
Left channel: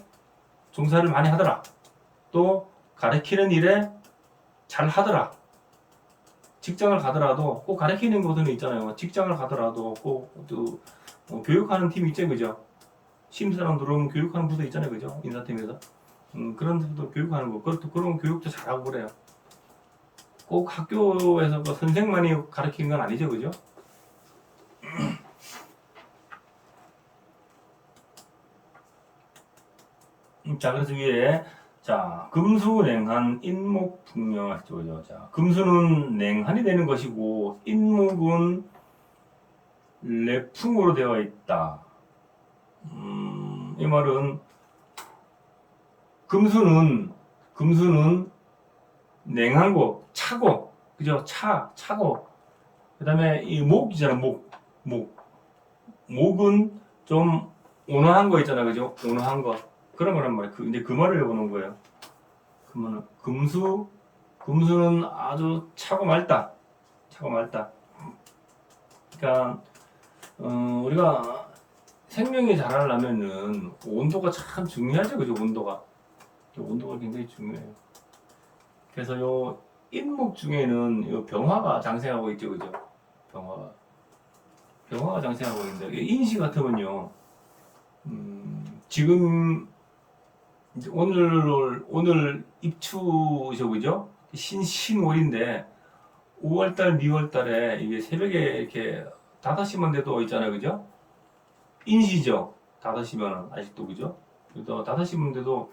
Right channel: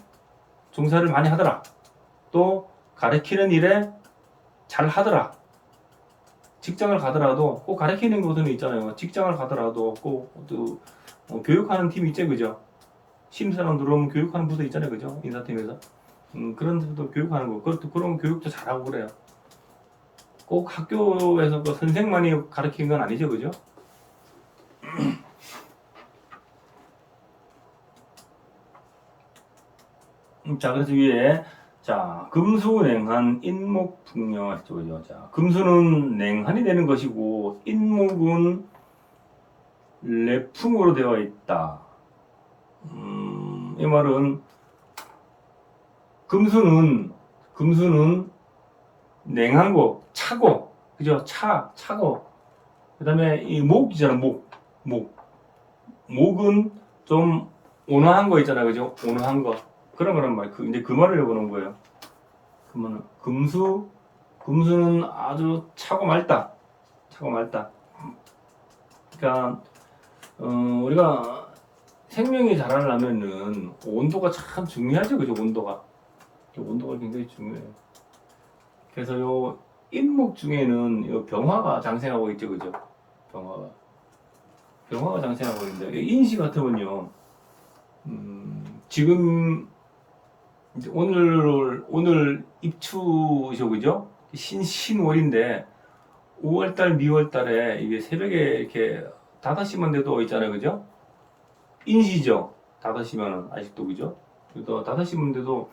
종사를 많이 하더라. 또 가르치는 일에 잘 하더라. 직장을 가더라도 꼭 가르치는 곳은 있잖아요. 직장을 가더라도 꼭또 교육하는 팀 있죠, 그죠? 신입사람 들어오면 교육하는 부서 있잖아요, 그죠? 인사팀에서. 그런 데도 교육하는 거. 그런 교육도 잘하고 그래요. 꼭 학교에서 또 선생만이 가르치는 건 아니죠, 그죠? 자, 그래서 위에 자, 금수냉한 인목풍녀 했죠, 그죠? 자, 금수는 냉한이 되는 것이고 인목은 레풍으로 되어 있다. 이 말은 금수는 냉한 거, 차고, 그죠? 차고. 그다음에 이 목이잖아, 목은 좀 온화한 거 있잖아, 그죠? 온화한 거. 그런 거란 말이에요. 근데 그 말을 해보는 거예요. 그러면 금수는 아주 차고 맑다. 그러니까 우리가 생명이 자라려면은 온도가 참 중요하죠, 그죠? 온도가 굉장히 중요해요. 그래서 요 인목 중에는 요 병화가 장생하고 있죠, 그죠? 병화가 장생하고 있는데 인시 같으면요, 지금 이제 오늘 입추죠, 그죠? 신월인데 5월달, 미월달에 이게 새벽에 이렇게 5시만 돼도 있잖아요, 그죠? 인시죠, 5시면은 아직도, 그죠? 그래서 5시만 돼도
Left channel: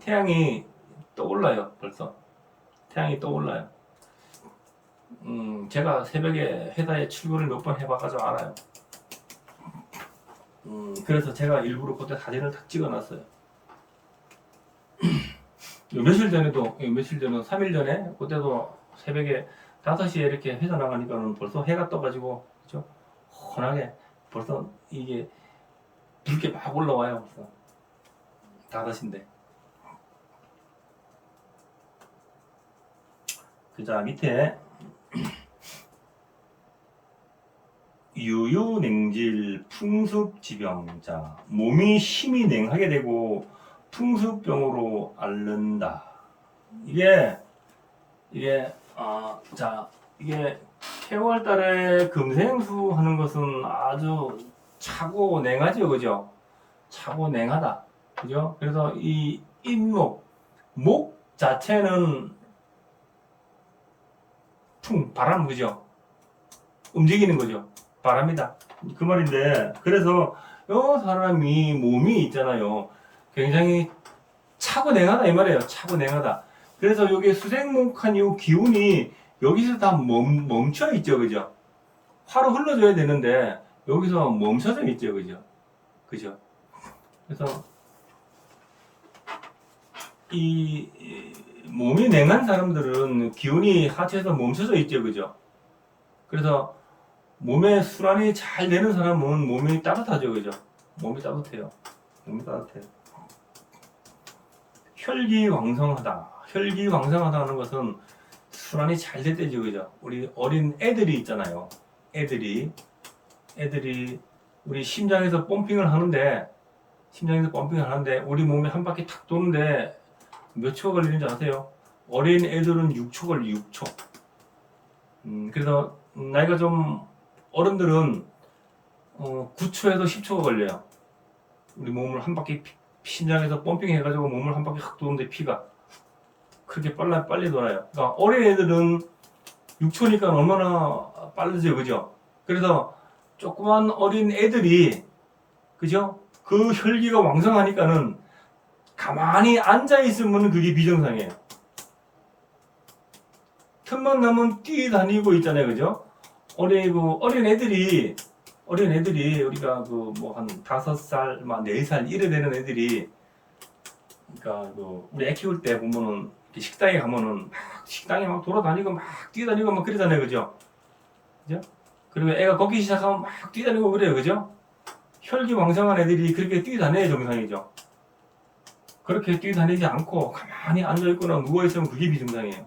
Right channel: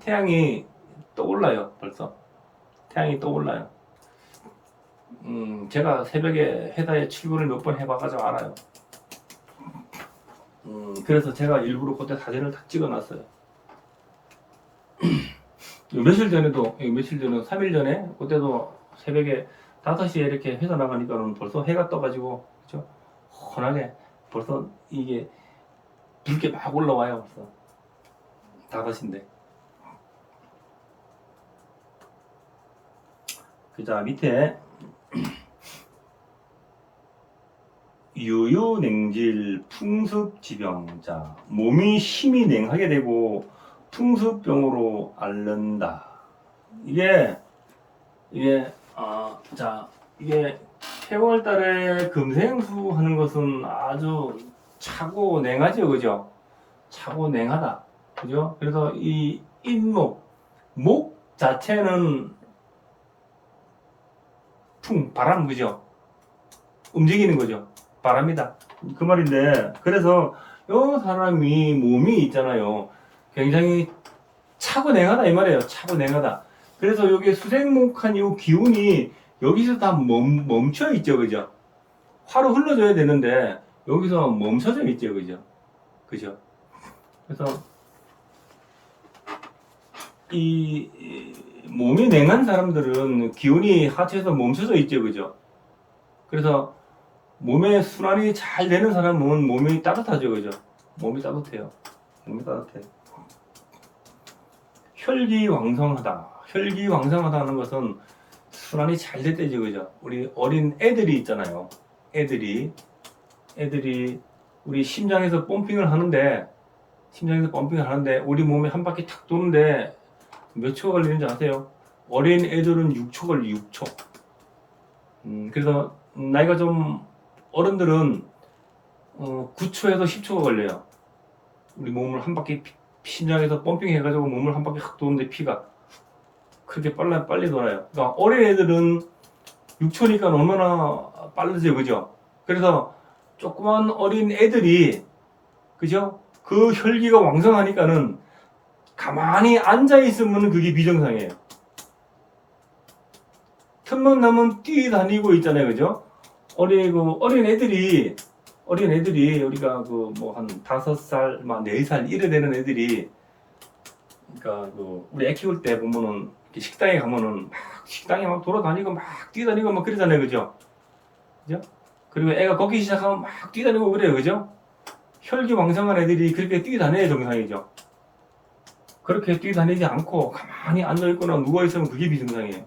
태양이 떠올라요, 벌써. 태양이 떠올라요. 제가 새벽에 해다에 출근을 몇 번 해봐가지고 알아요. 그래서 제가 일부러 그때 사진을 딱 찍어놨어요. 며칠 전에도 3일 전에 그때도 새벽에 5시에 이렇게 회사 나가니까는 벌써 해가 떠가지고 그죠? 환하게 벌써 이게 붉게 막 올라와요. 벌써 5시인데. 그자 밑에 유유냉질 풍습지병자 몸이 심히 냉하게 되고 풍습병으로 앓는다. 이게 이게 10월달에 금생수 하는 것은 아주 차고 냉하죠, 그죠? 차고 냉하다, 그죠? 그래서 이 인목 목 자체는 바람, 그죠? 움직이는 거죠. 바람이다. 그 말인데, 그래서 요 사람이 몸이 있잖아요. 굉장히 차고 냉하다 이 말이에요. 차고 냉하다. 그래서 여기 수생목한 이 기운이 여기서 다 멈춰 있죠, 그죠? 화로 흘러줘야 되는데 여기서 멈춰져 있죠, 그죠? 그죠? 그래서 이 몸이 냉한 사람들은 기운이 하체에서 멈춰져 있죠, 그죠? 그래서 몸의 순환이 잘 되는 사람은 몸이 따뜻하죠, 그죠? 몸이 따뜻해요. 몸이 따뜻해요. 혈기왕성하다. 혈기왕성하다는 것은 순환이 잘 될 때죠, 그죠? 우리 어린 애들이 있잖아요. 애들이 우리 심장에서 펌핑을 하는데 우리 몸에 한 바퀴 탁 도는데 몇 초가 걸리는지 아세요? 어린 애들은 6초 걸려, 6초. 그래서 나이가 좀 어른들은 9초에서 10초가 걸려요. 우리 몸을 한 바퀴 심장에서 펌핑 해가지고 몸을 한 바퀴 확 도는데 피가 그렇게 빨리 돌아요. 그러니까 어린 애들은 6초니까 얼마나 빠르죠, 그죠? 그래서 조그만 어린 애들이 그죠? 그 혈기가 왕성하니까는 가만히 앉아 있으면 그게 비정상이에요. 틈만 나면 뛰다니고 있잖아요, 그죠? 어린 애들이 우리가 그 뭐 한 5살, 막 4살 이래 되는 애들이 그러니까 그 우리 애 키울 때 보면은 식당에 가면은 막 식당에 막 돌아다니고 막 뛰다니고 막 그러잖아요, 그죠? 그죠? 그리고 애가 걷기 시작하면 막 뛰다니고 그래요, 그죠? 혈기왕성한 애들이 그렇게 뛰다녀야 정상이죠. 그렇게 뛰다니지 않고 가만히 앉아있거나 누워있으면 그게 비정상이에요.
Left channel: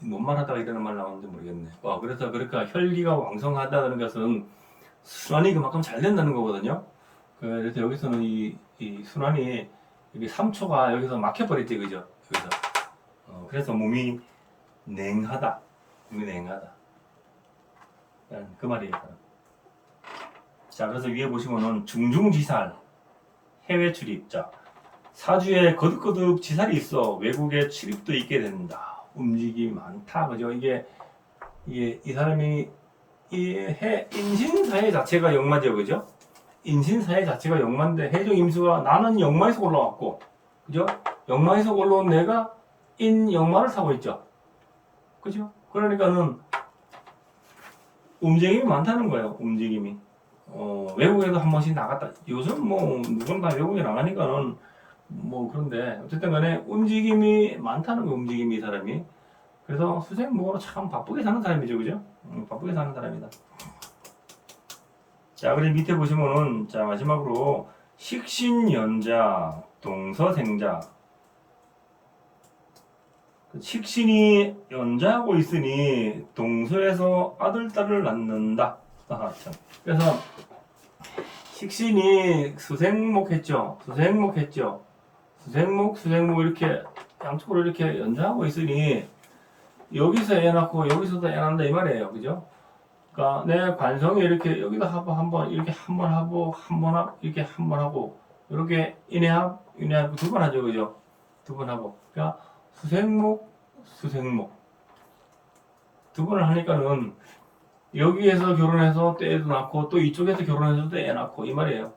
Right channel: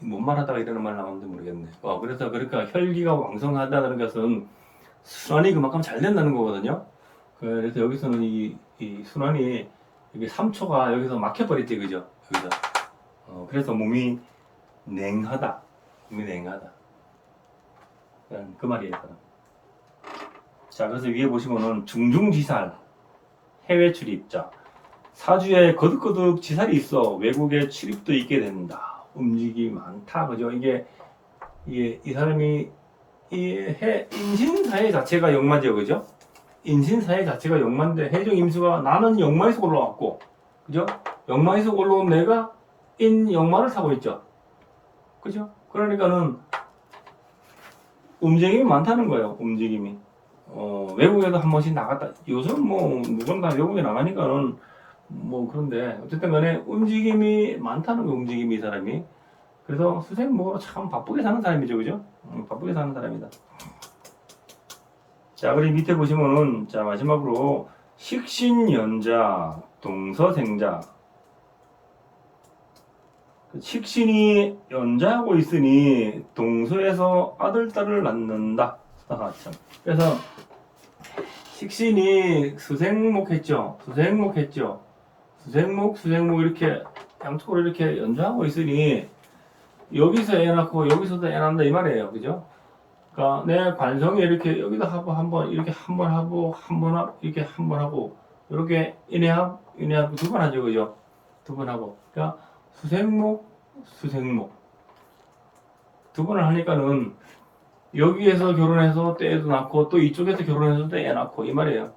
뭔 말하다가 이런 말 나왔는지 모르겠네. 그래서 그러니까 혈기가 왕성하다는 것은 순환이 그만큼 잘 된다는 거거든요. 그래서 여기서는 이 순환이 여기 3초가 여기서 막혀버렸지, 그죠? 여기서. 그래서 몸이 냉하다. 그 말이에요. 자, 그래서 위에 보시면은 중중지살, 해외 출입자, 사주에 거듭거듭 지살이 있어 외국에 출입도 있게 된다. 움직임이 많다, 그죠? 이 사람이 인신사회 자체가 역마죠, 그죠? 인신사회 자체가 역마인데 해종 임수가 나는 역마에서 올라왔고, 그죠? 역마에서 올라온 내가 인역마를 타고 있죠, 그죠? 그러니까는 움직임이 많다는 거예요. 움직임이. 외국에도 한 번씩 나갔다. 요즘 뭐 누구나 다 외국에 나가니까는 뭐 그런데 어쨌든 간에 움직임이 많다는 거예요. 움직임이 이 사람이. 그래서 수생목으로 참 바쁘게 사는 사람이죠, 그죠? 바쁘게 사는 사람이다. 자, 그리고 밑에 보시면은 자 마지막으로 식신연자, 동서생자. 식신이 연자하고 있으니 동서에서 아들, 딸을 낳는다. 그래서 식신이 수생목 했죠. 수생목 이렇게 양쪽으로 이렇게 연자하고 있으니 여기서 애 낳고 여기서도 애 낳는다 이 말이에요, 그죠? 그러니까 내 관성이 이렇게 여기도 하고 한번 이렇게 한번 하고 이렇게 한번 하고 이렇게 인해합 두 번 하죠, 그죠? 두 번 하고 그러니까 수생목 두 번을 하니까는 여기에서 결혼해서 또 애도 낳고 또 이쪽에서 결혼해서 또 애 낳고 이 말이에요.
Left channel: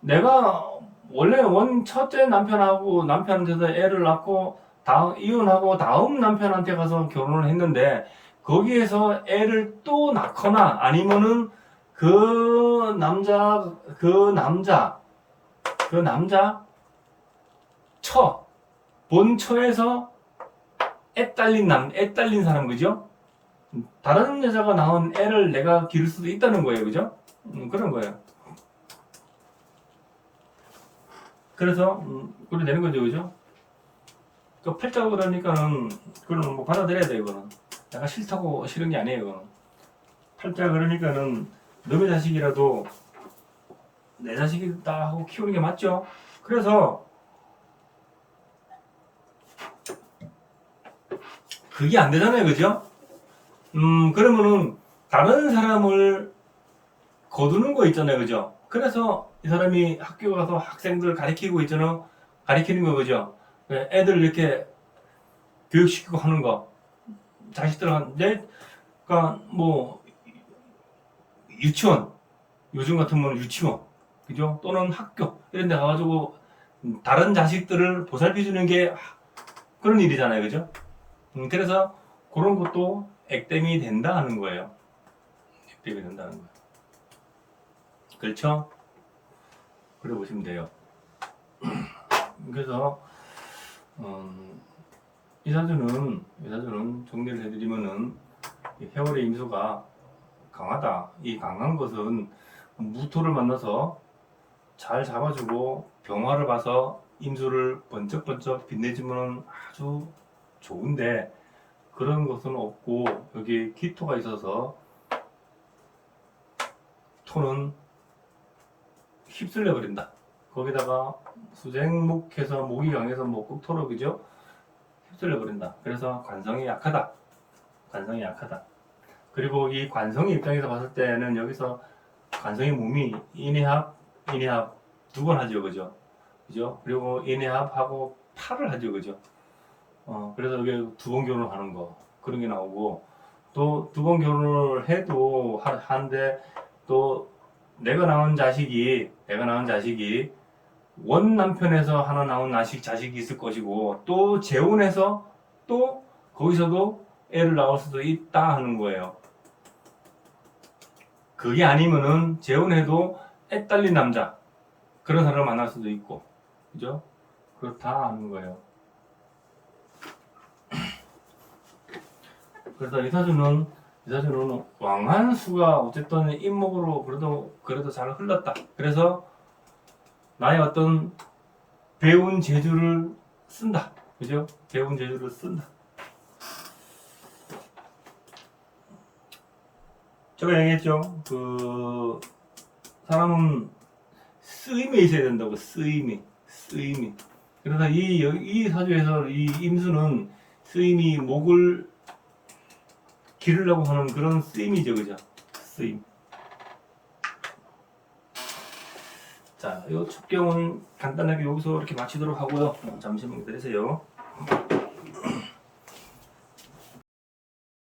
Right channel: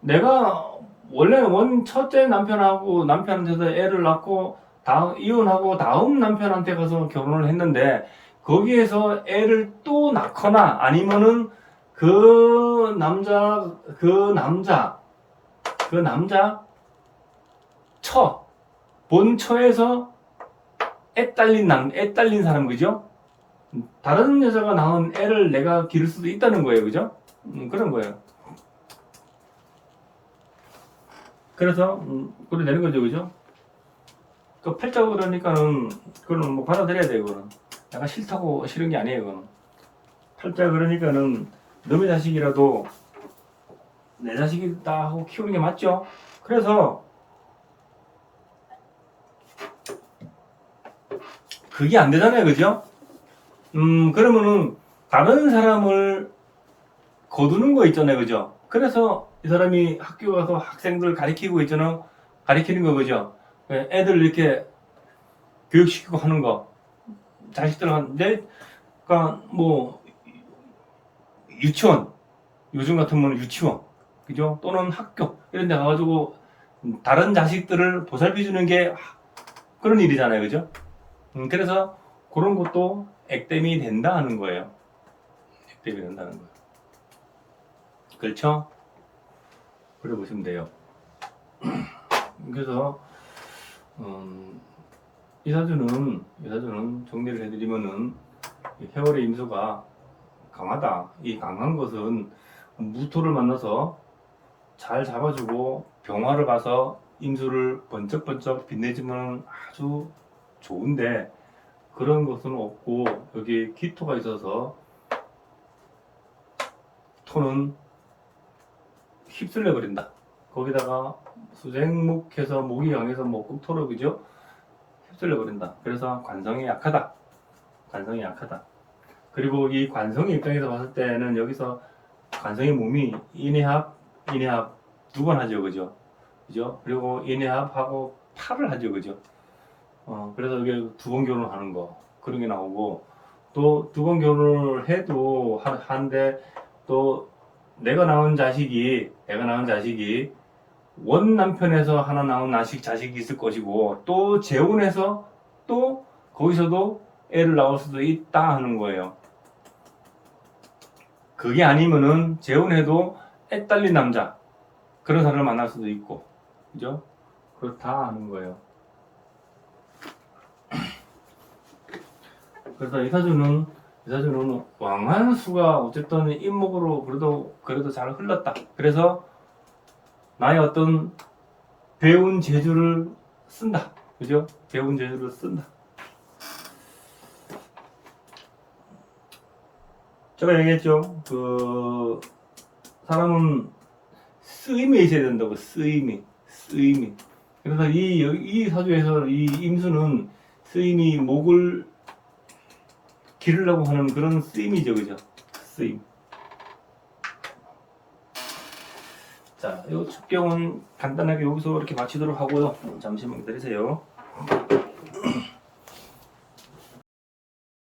내가 원래 첫째 남편한테서 애를 낳고 이혼하고 다음 남편한테 가서 결혼을 했는데 거기에서 애를 또 낳거나 아니면은 그 남자 본처에서 애 딸린 사람, 그죠? 다른 여자가 낳은 애를 내가 기를 수도 있다는 거예요, 그죠? 그런 거예요. 그래서 그래 되는 거죠, 그죠? 그 팔자고 그러니까는 그거는 뭐 받아들여야 돼, 그거는. 내가 싫다고 싫은 게 아니에요, 그거는. 팔자 그러니까는 너의 자식이라도 내 자식이다 하고 키우는 게 맞죠? 그래서 그게 안 되잖아요, 그죠? 그러면은 다른 사람을 거두는 거 있잖아요, 그죠? 그래서 이 사람이 학교 가서 학생들 가리키고 있잖아, 가리키는 거, 그죠? 애들 이렇게 교육시키고 하는 거, 자식들한테, 그러니까 뭐 유치원, 요즘 같으면 유치원, 그죠? 또는 학교 이런 데 가가지고 다른 자식들을 보살펴주는 게 그런 일이잖아요, 그죠? 그래서 그런 것도 액땜이 된다 하는 거예요. 액땜이 된다는 거예요. 그렇죠? 그래 보시면 돼요. 그래서 이 사주는 정리를 해드리면은 해월의 임수가 강하다. 이 강한 것은 무토를 만나서 잘 잡아주고 병화를 봐서 임수를 번쩍번쩍 빛내주면 아주 좋은데 그런 것은 없고 여기 기토가 있어서 토는 휩쓸려 버린다. 거기다가 수생목해서 목이 강해서 뭐 꼭토로, 그죠? 휩쓸려 버린다. 그래서 관성이 약하다. 관성이 약하다. 그리고 이 관성의 입장에서 봤을 때는 여기서 관성의 몸이 인해합 두 번 하죠, 그죠? 그죠? 그리고 인해합하고 팔을 하죠, 그죠? 그래서 여기 두 번 결혼하는 거 그런 게 나오고 또 두 번 결혼을 해도 한데 또 내가 낳은 자식이 원 남편에서 하나 낳은 자식이 있을 것이고 또 재혼해서 또 거기서도 애를 낳을 수도 있다 하는 거예요. 그게 아니면은 재혼해도 애 딸린 남자 그런 사람을 만날 수도 있고, 그죠? 그렇다 하는 거예요. 그래서 이 사주는 왕한수가 어쨌든 인목으로 그래도 잘 흘렀다. 그래서 나의 어떤 배운 재주를 쓴다. 그죠? 배운 재주를 쓴다. 제가 얘기했죠. 그 사람은 쓰임이 있어야 된다고. 쓰임이. 그래서 이 사주에서 이 임수는 쓰임이 목을 기르려고 하는 그런 쓰임이죠, 그죠? 쓰임. 자, 이 첩경은 간단하게 여기서 이렇게 마치도록 하고요. 잠시만 기다리세요.